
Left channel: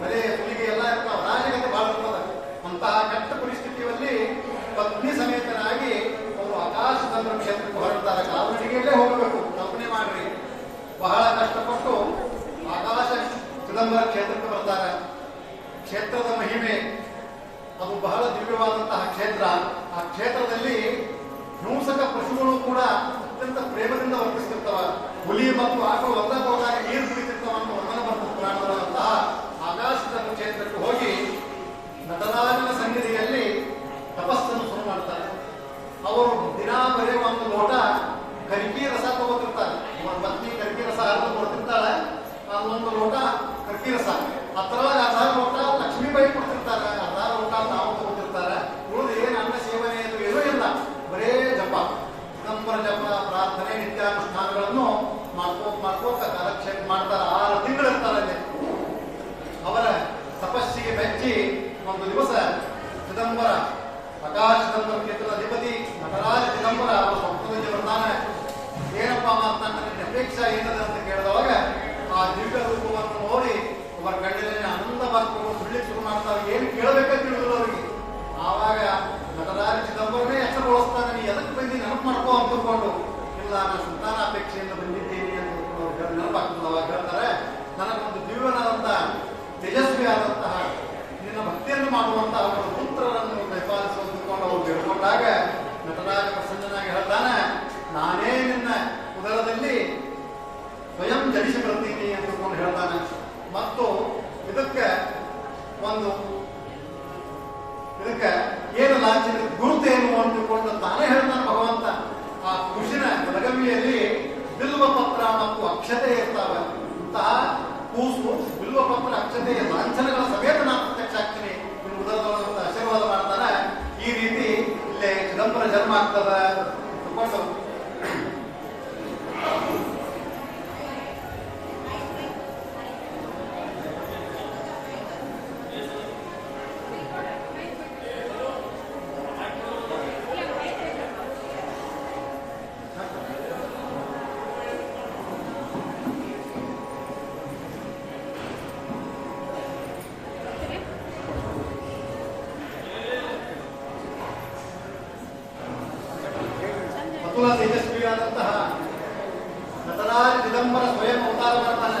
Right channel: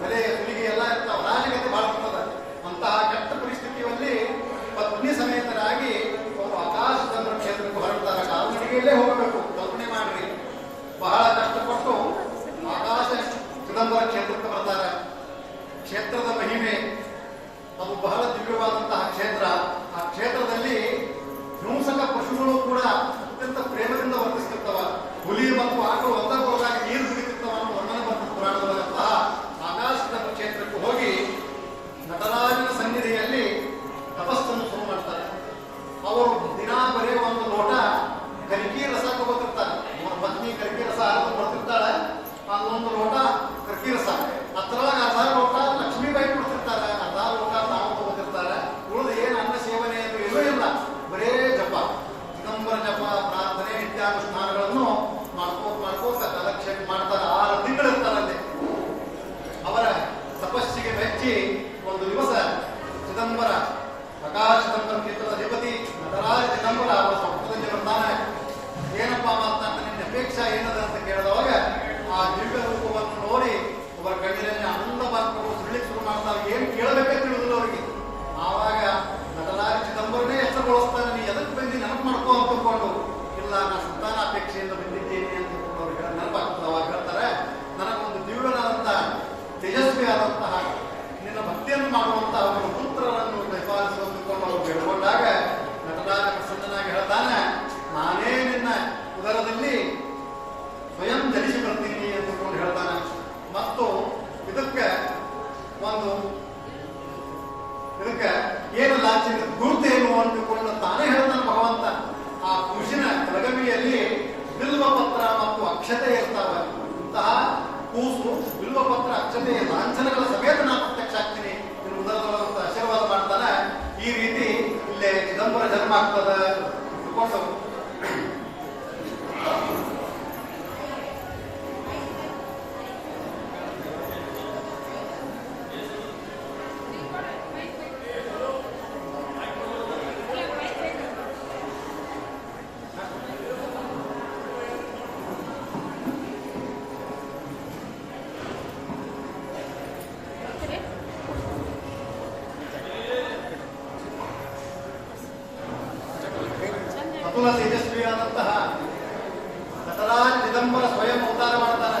ಬಲೆ ಸುಲಿಗೆ ಎಲ್ಲ ಇರ್ತಾವೆ. ರಾಜಕತೆ ಬಹಳ ಇರ್ತದೆ. ಅಂತಹ ಕೆಟ್ಟ ಪರಿಸ್ಥಿತಿಯಲ್ಲಿ ಪತ್ನಿ ಸಮೇತರಾಗಿ ಅವರು ಆಕಾಶದ ಕ್ಷೇತ್ರಕ್ಕೆ ಹೊರಡ್ತಾರೆ. ಕಾಲ್ನಡಿಗೆಯಲ್ಲೇ ಹೋಗಬೇಕು. ಕಲ್ಪನೆ ಮಾಡ್ರಿ, ಬಹಳ ಕಷ್ಟಪಟ್ಟು ಆಕಾಶ ಚಿದಂಬರ ಕ್ಷೇತ್ರಕ್ಕೆ ಬರ್ತಾರೆ. ಕ್ಷೇತ್ರದ ಮಹಿಮೆ ಅದು ಬಹಳ ದಿವ್ಯವಾದಂತಹ ಕ್ಷೇತ್ರ. ಆ ಕ್ಷೇತ್ರದಲ್ಲಿ ಹಿಂಸಕ ಪಶುಗಳು ಕೂಡ ಅತ್ಯಂತ ಪ್ರೇಮದಿಂದ ವರ್ತಿಸ್ತಿರ್ತವ. ಹುಲಿ ಮತ್ತು ಆಕಳು ಒಂದಕ್ಕೊಂದಾಗ ನೀರು ಕುಡಿತಿರ್ತವ ಅನ್ನೋ ವರ್ಣನೆ ಬರ್ತದೆ ಪುರಾಣದೊಳಗಂತಹ ಆಕಾಶದ ಕ್ಷೇತ್ರಕ್ಕೆ ಹೋಗಿ ನಟರಾಜನ ಸನ್ನಿಧಿಯಲ್ಲಿ ತಪಸ್ಸನ್ನು ಶುರು ಮಾಡ್ತಾರೆ. ಅವರು ದಿನಾ ಬರೀ ಒಂದು ಲೋಟ ಕರಿಕಿ ರಸ ತಗೋತಿರ್ತಾರೆ. ಅವರ ಪತ್ನಿ ಕರಿಕಿ ರಸ ಹರಿದು ಕೊಡ್ತಿರ್ತಾಳೆ. ಅದೊಂದು ಲೋಟ ಕರಿಕಿ ರಸ, ಹತ್ರವಾಗಿ 1/2 ಲೋಟ ಲಕ್ಷ್ಮೀಬಾಯಿ ಕೊಡ್ತಿರ್ತಾರೆ, 1/2 ಲೋಟ ತಾವು ತಗೋತಿರ್ತಾರೆ. ಉಳಿದು ಏನು ಅನ್ನ ಸೇವನೆ ಏನೂ ಇಲ್ಲ, ಬರೇ ಜಪ, ಚಿದಂಬರ ಜಪ, ಪ್ರಾರ್ಥನೆ, ನಿತ್ಯಾನುಷ್ಠಾನಗಳನ್ನು ಮಾಡ್ಕೋತ ಕಾಲಕ್ಷೇಪ ಮಾಡ್ತಾರೆ. 6 ತಿಂಗಳಿರ್ತಾರೆ ಅಲ್ಲಿ. ಅವರ ತಪಸ್ಸಿಗೆ ಮೆಚ್ಚಿ ಒಂದು ದಿವಸ ಚಿದಂಬರ, ಆಕಾಶ ಚಿದಂಬರ ಕ್ಷೇತ್ರದ ಅಧಿಪತಿ ನಟರಾಜ ಚಿದಂಬರ ಅವರ ಸ್ವಪ್ನದಲ್ಲಿ ಬರ್ತಾನೆ. ಏನಪ್ಪ ಮಾತನಾಡ, ನಿನ್ನ ಅಪೇಕ್ಷಾ ಏನದ ಅಂತ ಕೇಳಿದವಾಗ ಆ ದಿವ್ಯ ರೂಪವನ್ನು ನೋಡಿ ಅವರ ಕಣ್ಣಿನಲ್ಲಿ ಆನಂದ ಬಾರ್ಕೊಂಡು ಸುಳ್ಳಿಕ್ಕೆ ಶುರು ಮಾಡ್ತಾರೆ. ಏನು ಕೇಳಬೇಕಂತ ತಿಳಿದ್ರು ಅವರಿಗೆ. ಆವಾಗ ನಟರಾಜ ಚಿದಂಬರನೇ ಎಷ್ಟಗೊಳಿಸ್ತಾನೆ, ನೀ ಎದಕ್ಕೆ ಬಂದು ನೆನಪು ಮಾಡ್ಕೋ ಅಂತ ತಿಳ್ಕೊಂಡು, ಇಲ್ಲ ನಾನು ಸಂತಾನ ಅಪೇಕ್ಷೆಯಿಂದ ಬಂದಿದ್ದೇನೆ ಅಂತ ಅವ್ರು ನೆನಪಾಗ್ತದೆ. ಅವಾಗ ಹೇಳ್ತಾರೆ, ನನಗೊಂದು ದಿವ್ಯನಾದಂತಹ ತೇಜಸ್ವಿಯಾದಂತಹ ನಿನ್ನ ಭಕ್ತಿಯನ್ನು ಮಾಡುವಂತಹ ಅವರ ಪುತ್ರರನ್ನು ಪರಿಪಾಲಿಸಿಕೊಂಡು ಅವರು ಬೇಡ್ಕೊಂಡಾಗ ನಟರಾಜ ಪ್ರಸನ್ನನಾಗಿ ಹೇಳ್ತಾನೆ, ನಾನೇ ನಿನ್ನ ಉದರದಲ್ಲಿ ಸ್ವಯಂ ಜನಿಸಿ ಬರ್ತೀನಿ ಅಂತಕೊಂಡು ಹೇಳ್ತಾನೆ. ಮತ್ತು ಇದಕ್ಕೆ ಏನು ಲಾಂಛನ ಗುರುತೇನು ಅಂದುಕೊಂಡು ತಾನೇ ಹೇಳ್ತಾನೆ ಭಗವಂತ. ಆ ಕುಶಿನ ಬಲಗವಿಯಲ್ಲಿ ಬಿಲ್ವ ಪತ್ರ ಮತ್ತು ಅಕ್ಷತೆ ಇರ್ತಾವೆ. ಇಂತಹ ಕೂಸು ಬಿಲ್ವ ಪತ್ರ ಅಕ್ಷತೆಯ ಲಾಂಛನಗಳ ಸಮೇತ ನಾನು ಪ್ರತ್ಯಕ್ಷ ಆಗ್ತೀನಿ ಎನ್ನುವುದರ ಆಶೀರ್ವಾದ ಮಾಡ್ತಾನೆ. ಈ ರೀತಿ ಇಲ್ಲೇ ಚಿದಂಬರ ಜನ್ಮ ಆಗ್ತದ ಅಂದ್ಕೊಂಡು ಅತುಲ ತೇಜಸ್ವಿಯಾದಂತಹ ನಟರಾಜ ಚಿದಂಬರ ಸ್ವಯಂ ಅವತಾರ ಮಾಡ್ತಾನೆ.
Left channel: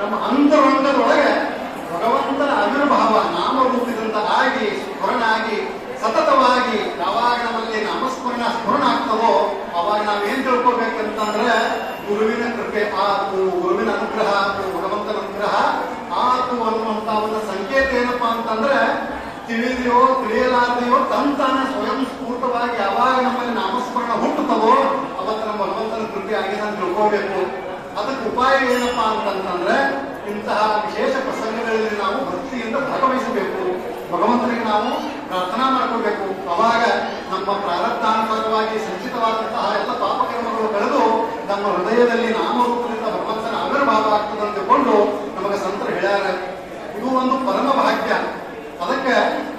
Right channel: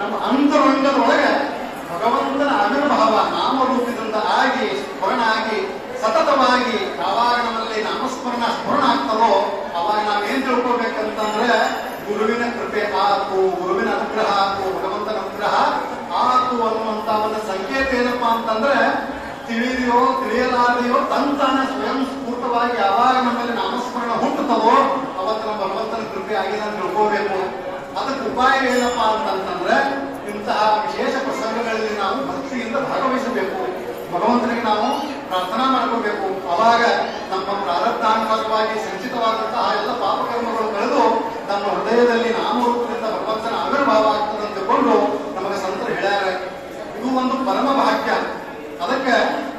ನಮ್ಮ ಅಂತರಂಗ ತಿಳಿದೆಯೋ ತಿಳಿಯಲಾದೆಯೋ ತಂತಾನೆ ಸ್ವಯಂ ಸ್ಫೂರ್ತವಾಗಿ ಯಾವಾಗ ನಮ್ಮಲ್ಲಿ ನಾಮಸ್ಮರಣ ಹುಟ್ಟುತ್ತದೋ ಅವತ್ತು ನಮ್ಮ ಭಗವಂತನ ಕೃಪೆ ಆಗಿದೆ ಅಂತ ತಿಳ್ಕೋಬೇಕು. ಅದಕ್ಕೆ ಉಪಾಯ ಏನಪ್ಪ ಅಂತಂದ್ರೆ ಇಂತಹ ವಿಶೇಷ ಪ್ರಸಂಗಗಳಲ್ಲಿ ನಾವು ಭಕ್ತಿಯಿಂದ ಭಾಗವಹಿಸಬೇಕು, ಭಗವಂತನಿಗೆ ನಾವು ಪ್ರಾರ್ಥನಾ ಮಾಡ್ಕೋಬೇಕು. ಅವಾಗ ನಮ್ಮ ಪ್ರಾರಬ್ಧಾನುಸಾರವಾಗಿ ಸಂಚಿತವಾದಂತಹ ಎಲ್ಲ ಪಾಪಕರ್ಮಗಳು ಕಳೆದು ನಮ್ಮ ಹೃದಯದಲ್ಲಿ ನಾಮರೂಪದಿಂದ ಭಗವಂತನ ಆವಿರ್ಭಾವ ಆಗ್ತದೆ ಅಂತಕೊಂಡು ನಮಗೆ ಸಂತರು ಹೇಳ್ಯಾರ. ಇದು ಒಂದು ಪರಮ ಭಾಗ್ಯ. ಅದಕ್ಕೆ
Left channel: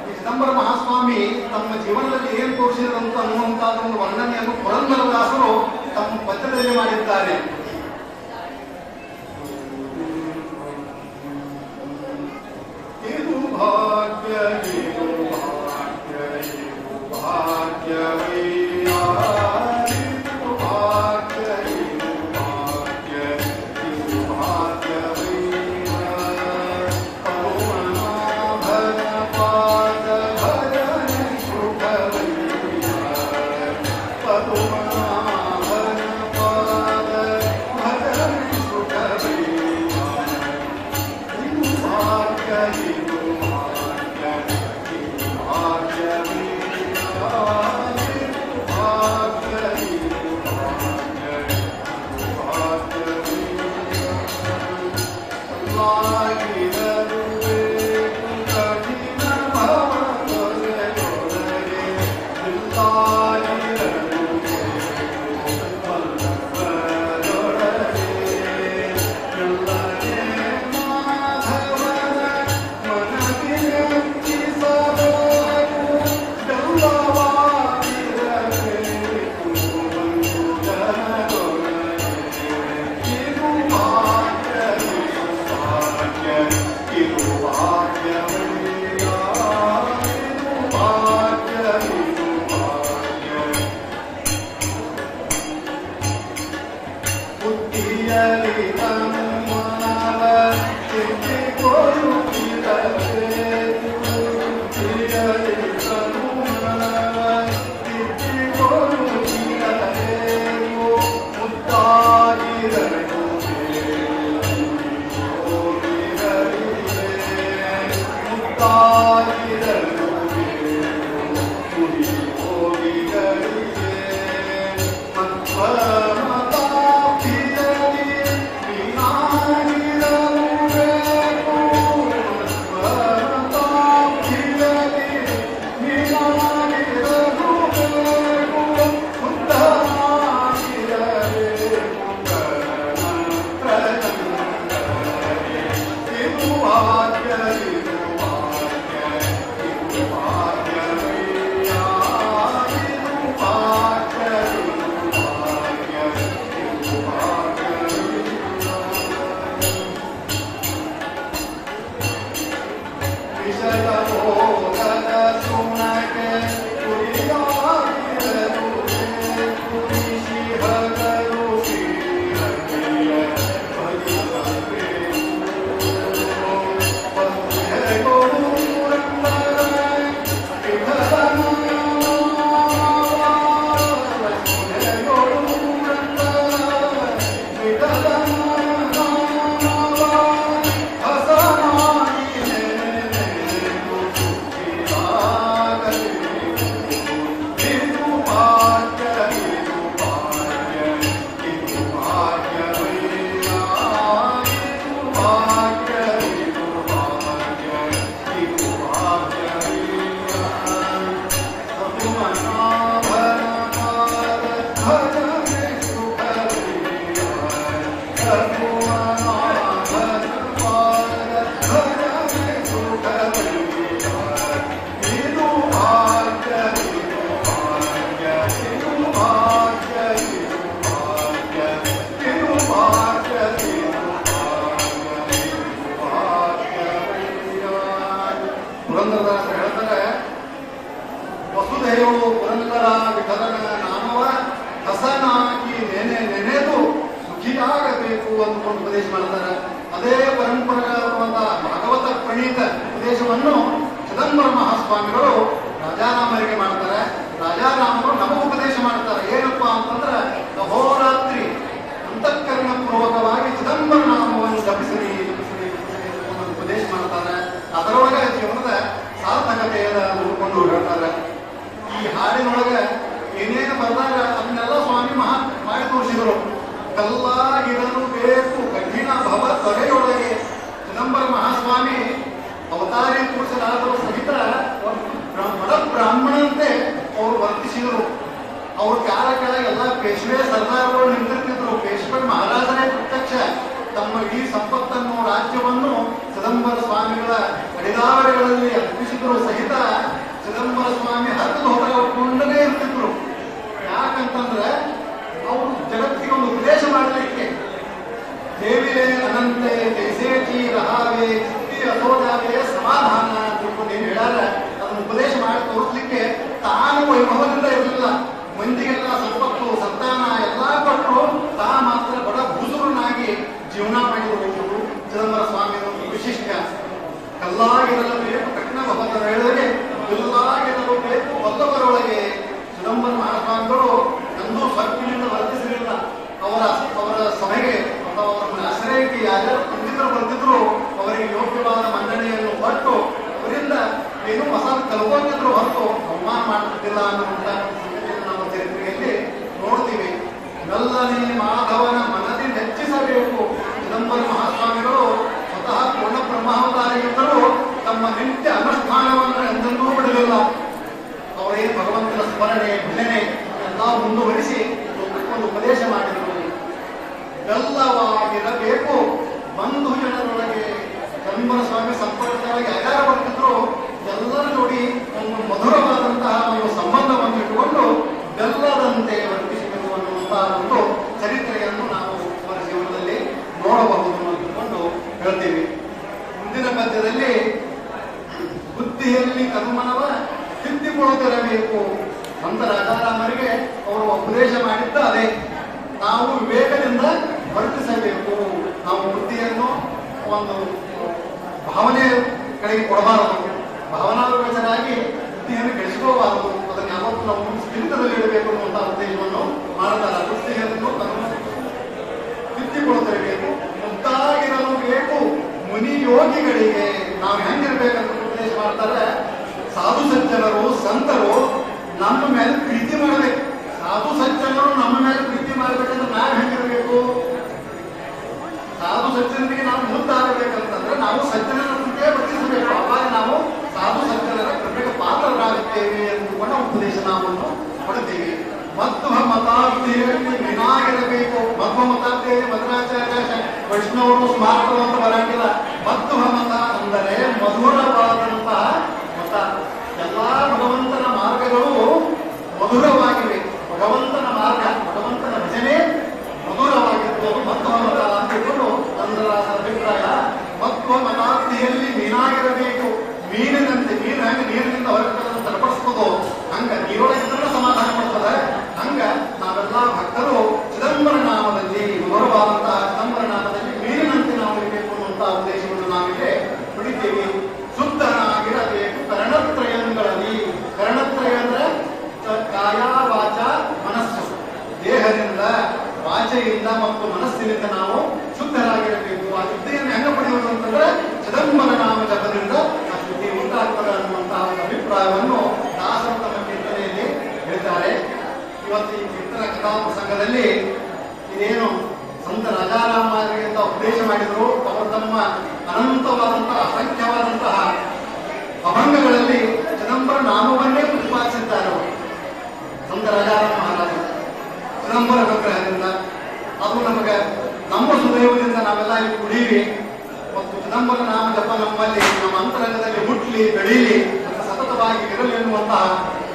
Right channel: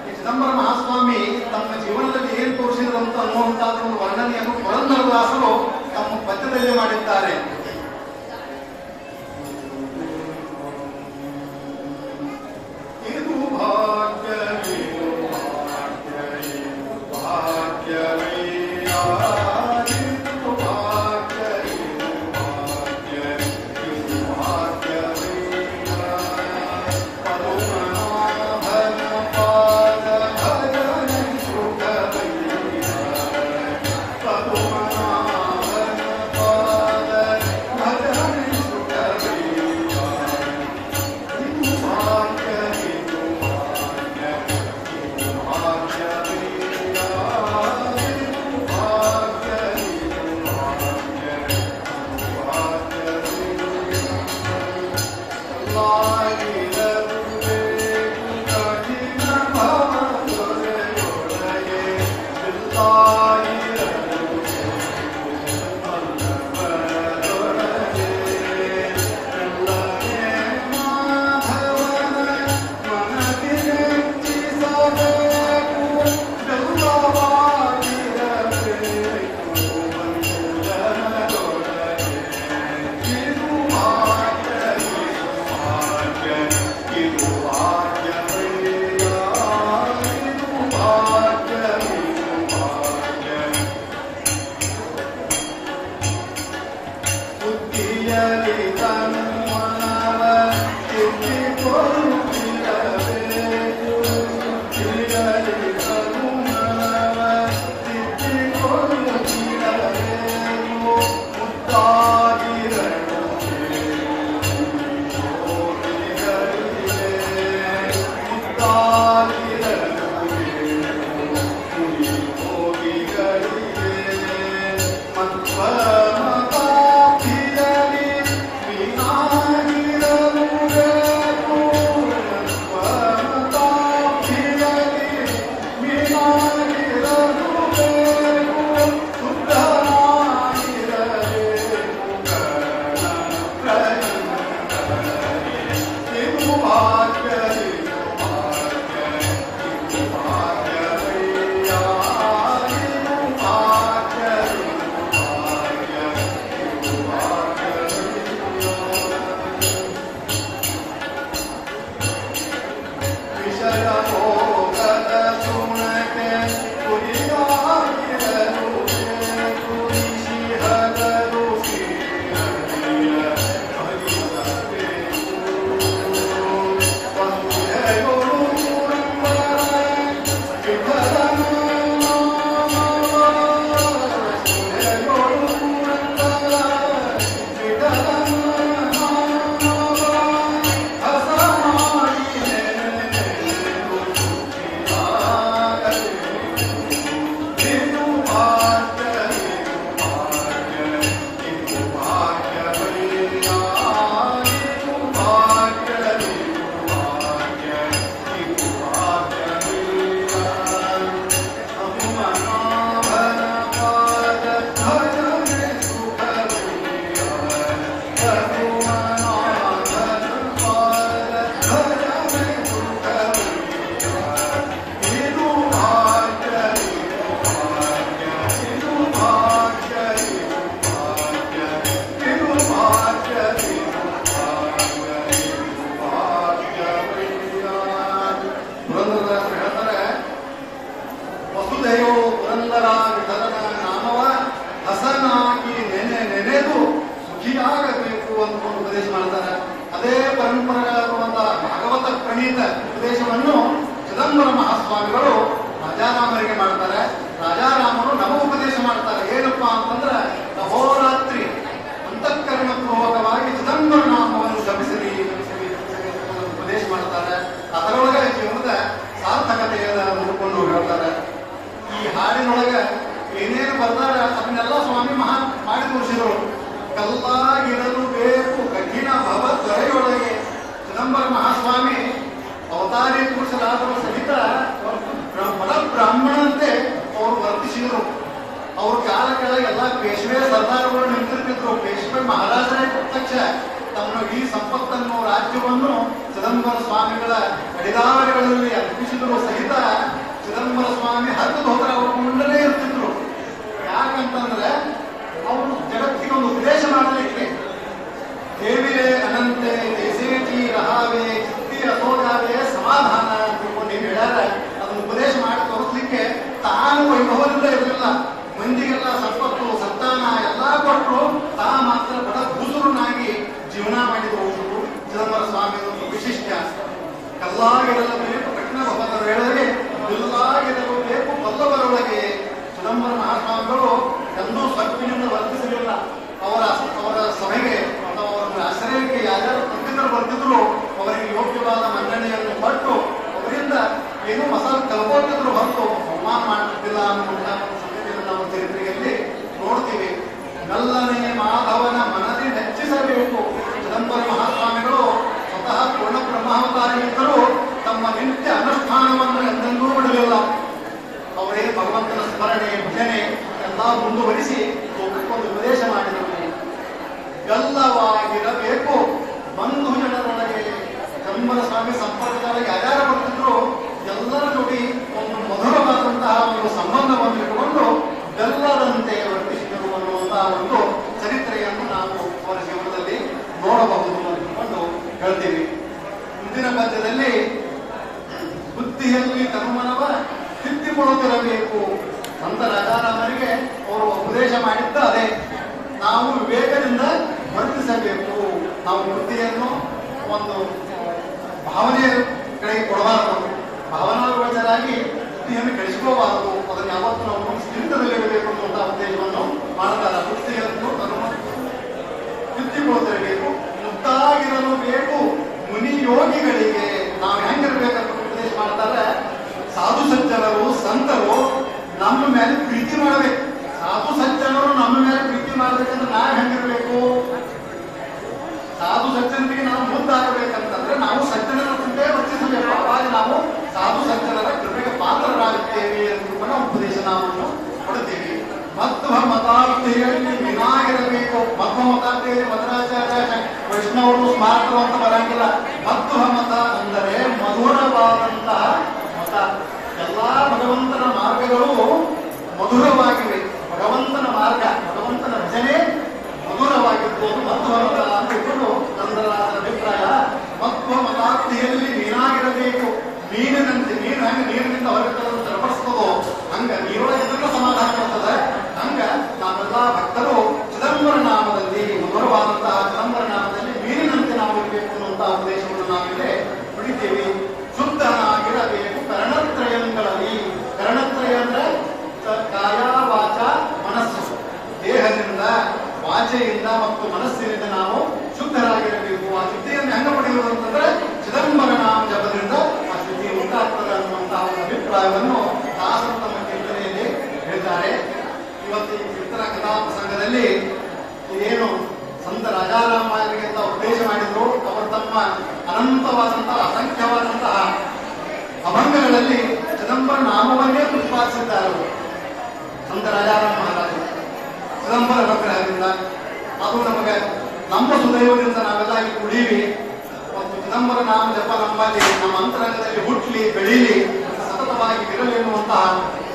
ಈ ಚಿದಂಬರ ಮಹಾಸ್ವಾಮಿ ತಮ್ಮ ಜೀವನದಲ್ಲಿ ಏನ್ ತೋರಿಸಿದ್ರು ಅಂತ ಅನ್ನುವಂತಹ ಒಂದು ವರ್ಣನೆಯನ್ನು ಪುರಂದರದಾಸರು ತಮ್ಮ ಪದ್ಯದಲ್ಲಿ ಮಾಡಿದ್ದಾರೆ. ಇದು ಭಾಗ್ಯ ಇದು ಭಾಗ್ಯ ಇದು ಭಾಗ್ಯವೇ ಜಪಿಸಿರಿ ಉಪದೇಶ ಮಾಡ್ತಾರೆ. ಅದರೊಳಗೆ ಜೀವನದ ಸಾರ್ಥಕತೆ ಬರ್ದಾಗ ಅದನ್ನೆಲ್ಲ ಸ್ವಾಮಿ ಮಾಡಿ ತೋರಿಸಿದರು. ಕಲ್ಲಾಗಿರಲು ಬೇಕು ಕಠಿಣ ಭವ ತೊರೆಯೊಳಗೆ ಚಿದಂಬರ ಮಹಾಸ್ವಾಮಿ ಅವತಾರಿ ಪುರುಷರಾದರೂ ಸಹಿತ ಬ್ರಾಹ್ಮಣಂತೆ ಅವರು ವರ್ತಿಸಿದರು. ಅವ್ರ ಕಾಲ ಕೆಳಗೆ ಎಲ್ಲ ಪೇಶ್ವೆ ಸರ್ದಾರಗಳು ನಿಂತಿರ್ತಿದ್ರು. ಪೇಶ್ವೆ ಮಹಾರಾಜರೇ ಪ್ರತ್ಯಕ್ಷ ತಮ್ಮ ಈ ಸಂಪತ್ತನ್ನು ರಾಜ್ಯವನ್ನು ಚಿದಂಬರ ಸ್ವಾಮಿಗಳ ಕಡಿದಾವರಿಗಳಲ್ಲಿ ಅರ್ಪಿಸಿದ್ರು ಸಹಿತ ಚಿದಂಬರ ಸ್ವಾಮಿ ಹತ್ತು ಹೋದ್ರೆ ಅವರು ಕೊಂಡಲೇ ಇರ್ತಿದ್ರು. ಯಾಕಂತಂದ್ರೆ ಅವರು ಜಗತ್ತಿಗೆ ಒಂದು ಉಪದೇಶ ಮಾಡಲಿಕ್ಕೆ ದೇವಿಲೆ ಅನಂತೆ ದೇಸೇಚಿ ರಹಾವೆ ಚಿತ್ತಿ ಅಸೋದಾವೆ ಸಮಾಧಾನ ಅಂತ ಏನು ಹೇಳ್ಯಾರ ಅದನ್ನು ಉಪದೇಶ ಮಾಡಿ ತೋರಿಸ್ಲಿಕ್ಕೆ ತಾನು ವೈಭವದಿಂದ ಇರಲಿಲ್ಲ. ಮಂದಿಗೆಲ್ಲ ಸಂಪತ್ತು ಸಂತಾನ ಎಲ್ಲ ಕೊಟ್ಟರು, ತಾ ಮಾತ್ರ ಬಡ ಬುಜುರ್ನಾಗಿ ಜೀವನ ಮಾಡಿದ್ರು ಹೋಗಿದ್ರು. ಚಿದಂಬರ ಸ್ವಾಮಿ ಒಂದು ವಿಶಿಷ್ಟ. ಕಲ್ಲಾಗಿರಬೇಕು ಕಠಿಣ ಭವದ ವೇಳೆಗೆ ಬಿಲ್ಲಾಗಿರಬೇಕು ಬಲ್ಲವರೊಳಗೆ ಚಿದಂಬರ ಮಹಾಸ್ವಾಮಿಗಳು ಎಂದೂ ಸಕ್ಕಿನಿಂದ ವರ್ತಿಸಲಿಲ್ಲ. ಅವರ ಸಭೆಗೆ ಅಥವಾ ಅವರ ಆಶ್ರಯಕ್ಕೆ ಯಾರ್ಯಾರು ಪಂಡಿತರು ಬಂದಿದ್ರು ಅವರಿಗೆ ಯೋಗ್ಯವಾದ ಮನ್ನಣೆಯನ್ನು ಕೊಟ್ಟು ಅವರಿಂದ ಏನೂ ಹೊಸ ಕಲ್ಪಟ್ಟಿದ್ರು ಹೊರತು ಅವಮಾನ ಮಾಡುತ್ತಿಲ್ಲ ಅನ್ನುವಂಥ ಸಂಗತಿಯನ್ನು ನಾವು ಚರಿತ್ರೆಯಲ್ಲಿ ನೋಡ್ತೀವಿ. ಮೆಲ್ಲನೆ ಮಾಧವನ ಮನದಿ ಹೆಚ್ಚಿಸಬೇಕು. ಚಿದಂಬರ ಮಹಾಸ್ವಾಮಿಗಳು ಸ್ವತಃ ಪೂರ್ಣ ಬ್ರಹ್ಮಾವತಾರಿಗಿದ್ದರೂ ತಮ್ಮ ನಿತ್ಯ ಅನುಷ್ಠಾನವನ್ನು ಎಂದೆಂದೂ ಬಿಡಲಿಲ್ಲ. ಅವರೇ ಭಗವಂತನ ಸ್ಮರಣೆ ಭಜನೆ ಎಲ್ಲ ಮುಂದುವರಿಸಿ ಒಪ್ಪಿಕೊಂಡು ಉಪದೇಶ ಮಾಡಿದರು. ಎಲ್ಲವಾಗಿರಬೇಕು ಬಂಧು ಜನರೊಳಗೆ. ಚಿದಂಬರ ಸ್ವಾಮಿ ಸಂಪರ್ಕದೊಳಗೆ ಯಾರ್ಯಾರು ಬರ್ತಿದ್ರು ಎಲ್ಲರ ಜೋಡಿ ಒಂದು ಮಧುರವಾದಂತಹ ಒಂದು ಸಂಬಂಧವನ್ನು ಇಟ್ಟುಕೊಂಡು ಬೆಲ್ಲದಂತೆ ವರ್ತಿಸಿದರು ಅನ್ನುವಂತಹ ಒಂದು ಚರಿತ್ರೆಯನ್ನು ನಾವು ಅವರ ಜೀವನದಲ್ಲಿ ನೋಡಬಹುದು ಅಂದುಕೊಂಡು ಹೇಳ್ತೀವಿ. ಮುಂದಿನ ಪದ್ಯದಲ್ಲಿ ಬುದ್ಧಿಯಲ್ಲಿ ಕರ್ಮನವ ತಿದ್ದಿಕೊಳ್ಳುತ್ತಿರಬೇಕು ಅಂತ ರಾಜಾರಾಮರಿಗೆ ಅವರು ಉಪದೇಶ ಮಾಡಿದ್ದ ಅದೇ. ನಾವು ವಿವೇಕದಿಂದ ವರ್ತಿಸಬೇಕು. ನಾವು ಬುದ್ಧಿಯನ್ನು ಒಂದು ಭಾವನೆ ಕಡೆಗೆ ಕೊಡಬಾರದು, ಭಾವನಾಗೋಚರಾಗಿ ಬುದ್ಧಿಯನ್ನು ಬೆಳೆಸಿಕೋಬಾರದು. ಅದನ್ನು ಯಾವತ್ತೂ ನಾವು ಸ್ಥಿರದಲ್ಲಿ ಇಡಬೇಕು ಅನ್ನುವಂತಹ ಉದ್ದೇಶವನ್ನು ಮಾಡುತ್ತಲ್ಲ. ಬುದ್ಧಿಯನ್ನು ತಿದ್ದಿಕೊಳ್ಳುತ್ತಿರಬೇಕು. ಮುಕ್ತಾಗಿರಲು ಬೇಕು ಮುನಿ ಯೋಗಿಗಳಿಗೆ. ನಾವು ಹೆಂಗಿರ್ಬೇಕಂತ ಉಪದೇಶ ಮಾಡ್ತಾರೆ. ಸಾಧು ಸಜ್ಜನರು ಸಂತರು ನಮ್ಮ ಮೇಲೆ ಪ್ರೀತಿ ಮಾಡಬೇಕು. ಸಾಧು ಸಜ್ಜನರು ನಮ್ಮ ಮೇಲೆ ಪ್ರೀತಿ ಮಾಡಬೇಕಂದ್ರೆ ನಾವು ಹೆಂಗಿರ್ಬೇಕು? ಸಾಧು ಸಜ್ಜನರಿಗೆ ನಾವು ಮುದ್ದಾಗಬೇಕಂತಂದ್ರೆ ನಾವು ಸಜ್ಜನರ ಮುಂದೆ ವರ್ತಿಸಬೇಕು. ಅವಾಗ ನಾವು ಸಾಧು ಸಜ್ಜನರ ಕೃಪೆಗೆ ಪಾತ್ರರಾಗುತ್ತೇವೆ ಎಂದು ಕೂಡ ಉಪದೇಶ ನಾವು ಕೊಡುತ್ತೇವೆ. ಮಧ್ವ ಮತಾರ್ಥಿಯಲ್ಲಿ ವಿನಾಗಿರಬೇಕು. ಮಧ್ವ ಮತಾರ್ಥಿಯಲ್ಲಿ ಮಧ್ವಾಚಾರ್ಯ ವೈಷ್ಣವರು ಸ್ಮಾರ್ತರು ಅಂತ ಬರಂಗಿಲ್ಲ. ಮಧ್ವ ಮತ ಅಂದರೆ ಮಧುರವಾದಂತಹ ಮತ. ಎಲ್ಲಾ ಭಗವಂತನ ಮಾರ್ಗಗಳು ಮಧುರವಾಗಿವೆ. ಭಗವಂತನ ಮಾರ್ಗ ಭಗವಂತನ ಭಜನೆ ಮಧುರವಾಗಿರ್ಬೋದು. ಮಧ್ವ ಮತ ಅಂತ ಇಟ್ಟು ನನ್ನ ಅಭಿಪ್ರಾಯ. ಮಧ್ವ ಮತಾರ್ಥಿಯಲ್ಲಿ ಮೀನಾಗಿರಬೇಕು. ಮೀನಿನಂತೆ ನೀರು ಹಂಗೆ ನೀರಿನಿಂದ ಹೊರಗೆ ತಲುಪಿಸ್ತದೋ ಹಂಗ ನೀರೊಳಗಿದ್ರೆ ಸಮಾಧಾನ ಬರ್ತದೆ. ಹಂಗ ನಾವೆಲ್ಲ ಭಕ್ತರು ಚಿದಂಬರ ನಾಮದಲ್ಲಿ ಮಧುರವಾದಂತಹ ಚಿದಂಬರ ನಾಮದಲ್ಲಿ ಮೀನಿನಂತೆ ನಾವು ಇರಬೇಕು ಅನ್ನುವಂತಹ ಉದ್ದೇಶವನ್ನು ನಾವಿಗೆ ಪಡಿತೇವೆ. ಶುದ್ಧನಾಗಿರಬೇಕು ಕರ್ಣತ್ರಯಗಳಲ್ಲಿ. ಕರ್ಣತ್ರಯ ಅಂದ್ರೆ ಕಾಯ ವಾಚ ಮನಸ್ಸು. ದೇಹದಿಂದ ವಾಚೆಯಿಂದ ಮತ್ತು ಮನಸ್ಸಿನಿಂದ ನಾವು ಶುದ್ಧರಾಗಿರಬೇಕು. ಆ ಶುದ್ಧಿಯನ್ನು ಹೆಂಗ ಪಡೆಯುವುದು ಅಂತಂದ್ರೆ ಚಿದಂಬರ ನಾಮ ಜಪದಿಂದ ಆ ಶುದ್ಧಿ ಉಂಟಾಗ್ತದೆ ಅನ್ನುವಂತಹ ಒಂದು ಅಭಿಪ್ರಾಯವನ್ನು ದಾಸರ ತಮ್ಮ ಕೀರ್ತನೆಯಲ್ಲಿ ಹೇಳ್ತಾರೆ. ಇವತ್ತು ಈ ಕೀರ್ತನ ಕಥಾ ಪ್ರಸಂಗದಲ್ಲಿ ಇದೇನು ಸಂತ ರಾಜಾರಾಮರಿಗೆ ಅಂತ ಉಪದೇಶ ಮಾಡಿದ್ರು. ಅವರು ತಮ್ಮ ಅನಂತವಾದಂತಹ ಅಸಂಖ್ಯವಾದಂತಹ ಅಭಂಗಗಳಲ್ಲಿ ಚಿದಂಬರ ನಾಮವನ್ನೇ ಪ್ರತಿಪಾದಿಸಿದ್ದಾರೆ. ಸಂತ ರಾಜಾರಾಮ ಮಹಾರಾಜರು ಚಿದಂಬರ ವಿಗ್ರಹದಿಂದ ಅದು ನಮಗೆ ನಮ್ಮ ಸುದೈವದಿಂದ ನಾವೆಲ್ಲ ಇಲ್ಲಿ ಕುಡೀವಿ. ಮತ್ತು ಚಿದಂಬರ ನಾಮ ಜಪ ನಮ್ಮಲ್ಲಿ ನಮ್ಮ ಅಂತರಂಗದಲ್ಲಿ ಹುಟ್ಟಲಿ ಬೆಳೀಲಿ ಸತತವಾಗಿ ಇರಲಿ ಎನ್ನುವಂತಹ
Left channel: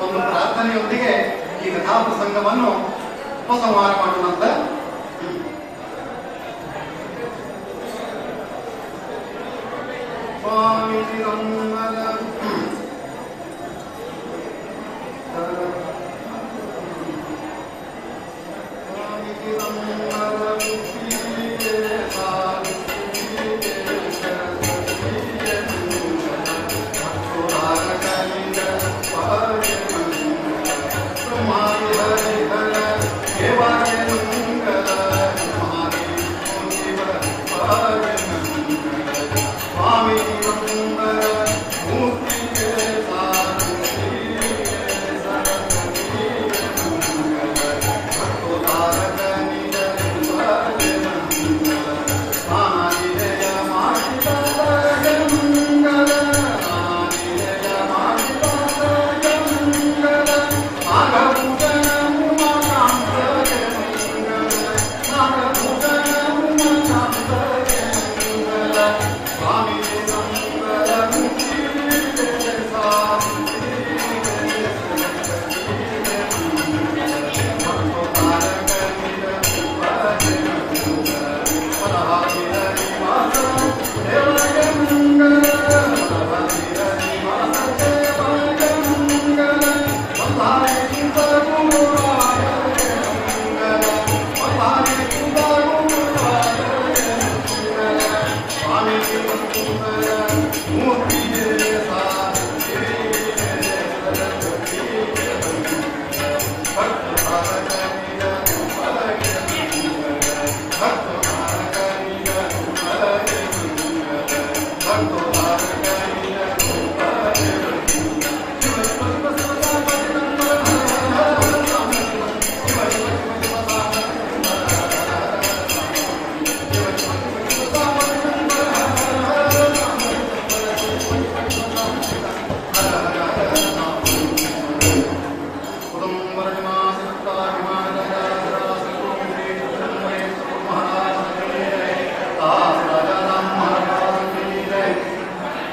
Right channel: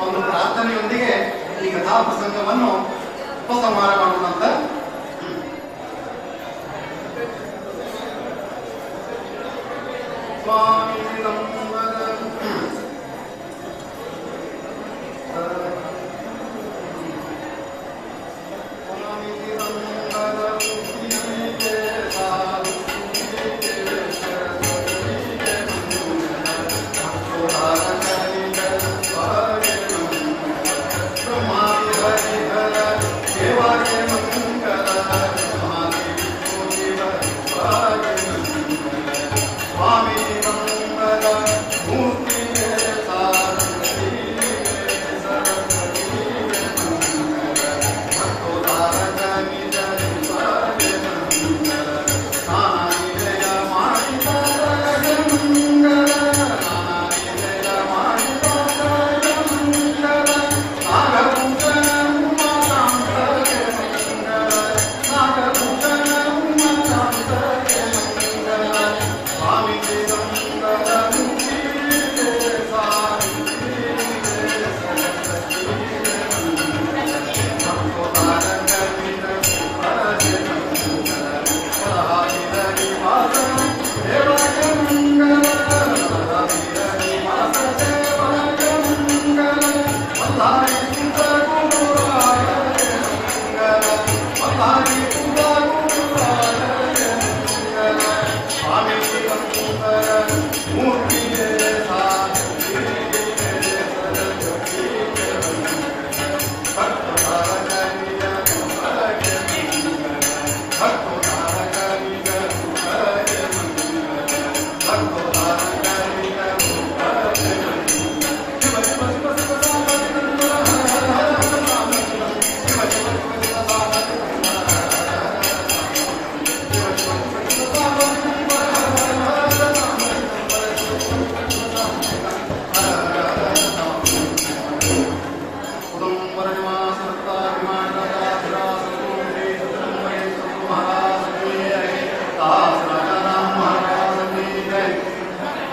ಒಂದು ಪ್ರಾರ್ಥನೆಯೊಂದಿಗೆ ಈ ಕಥಾ ಪ್ರಸಂಗವನ್ನು ಉಪಸಂಹಾರ ಮಾಡುವಂತ ಸ್ವಾಮಿ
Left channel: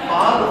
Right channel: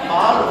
ಪಾಲು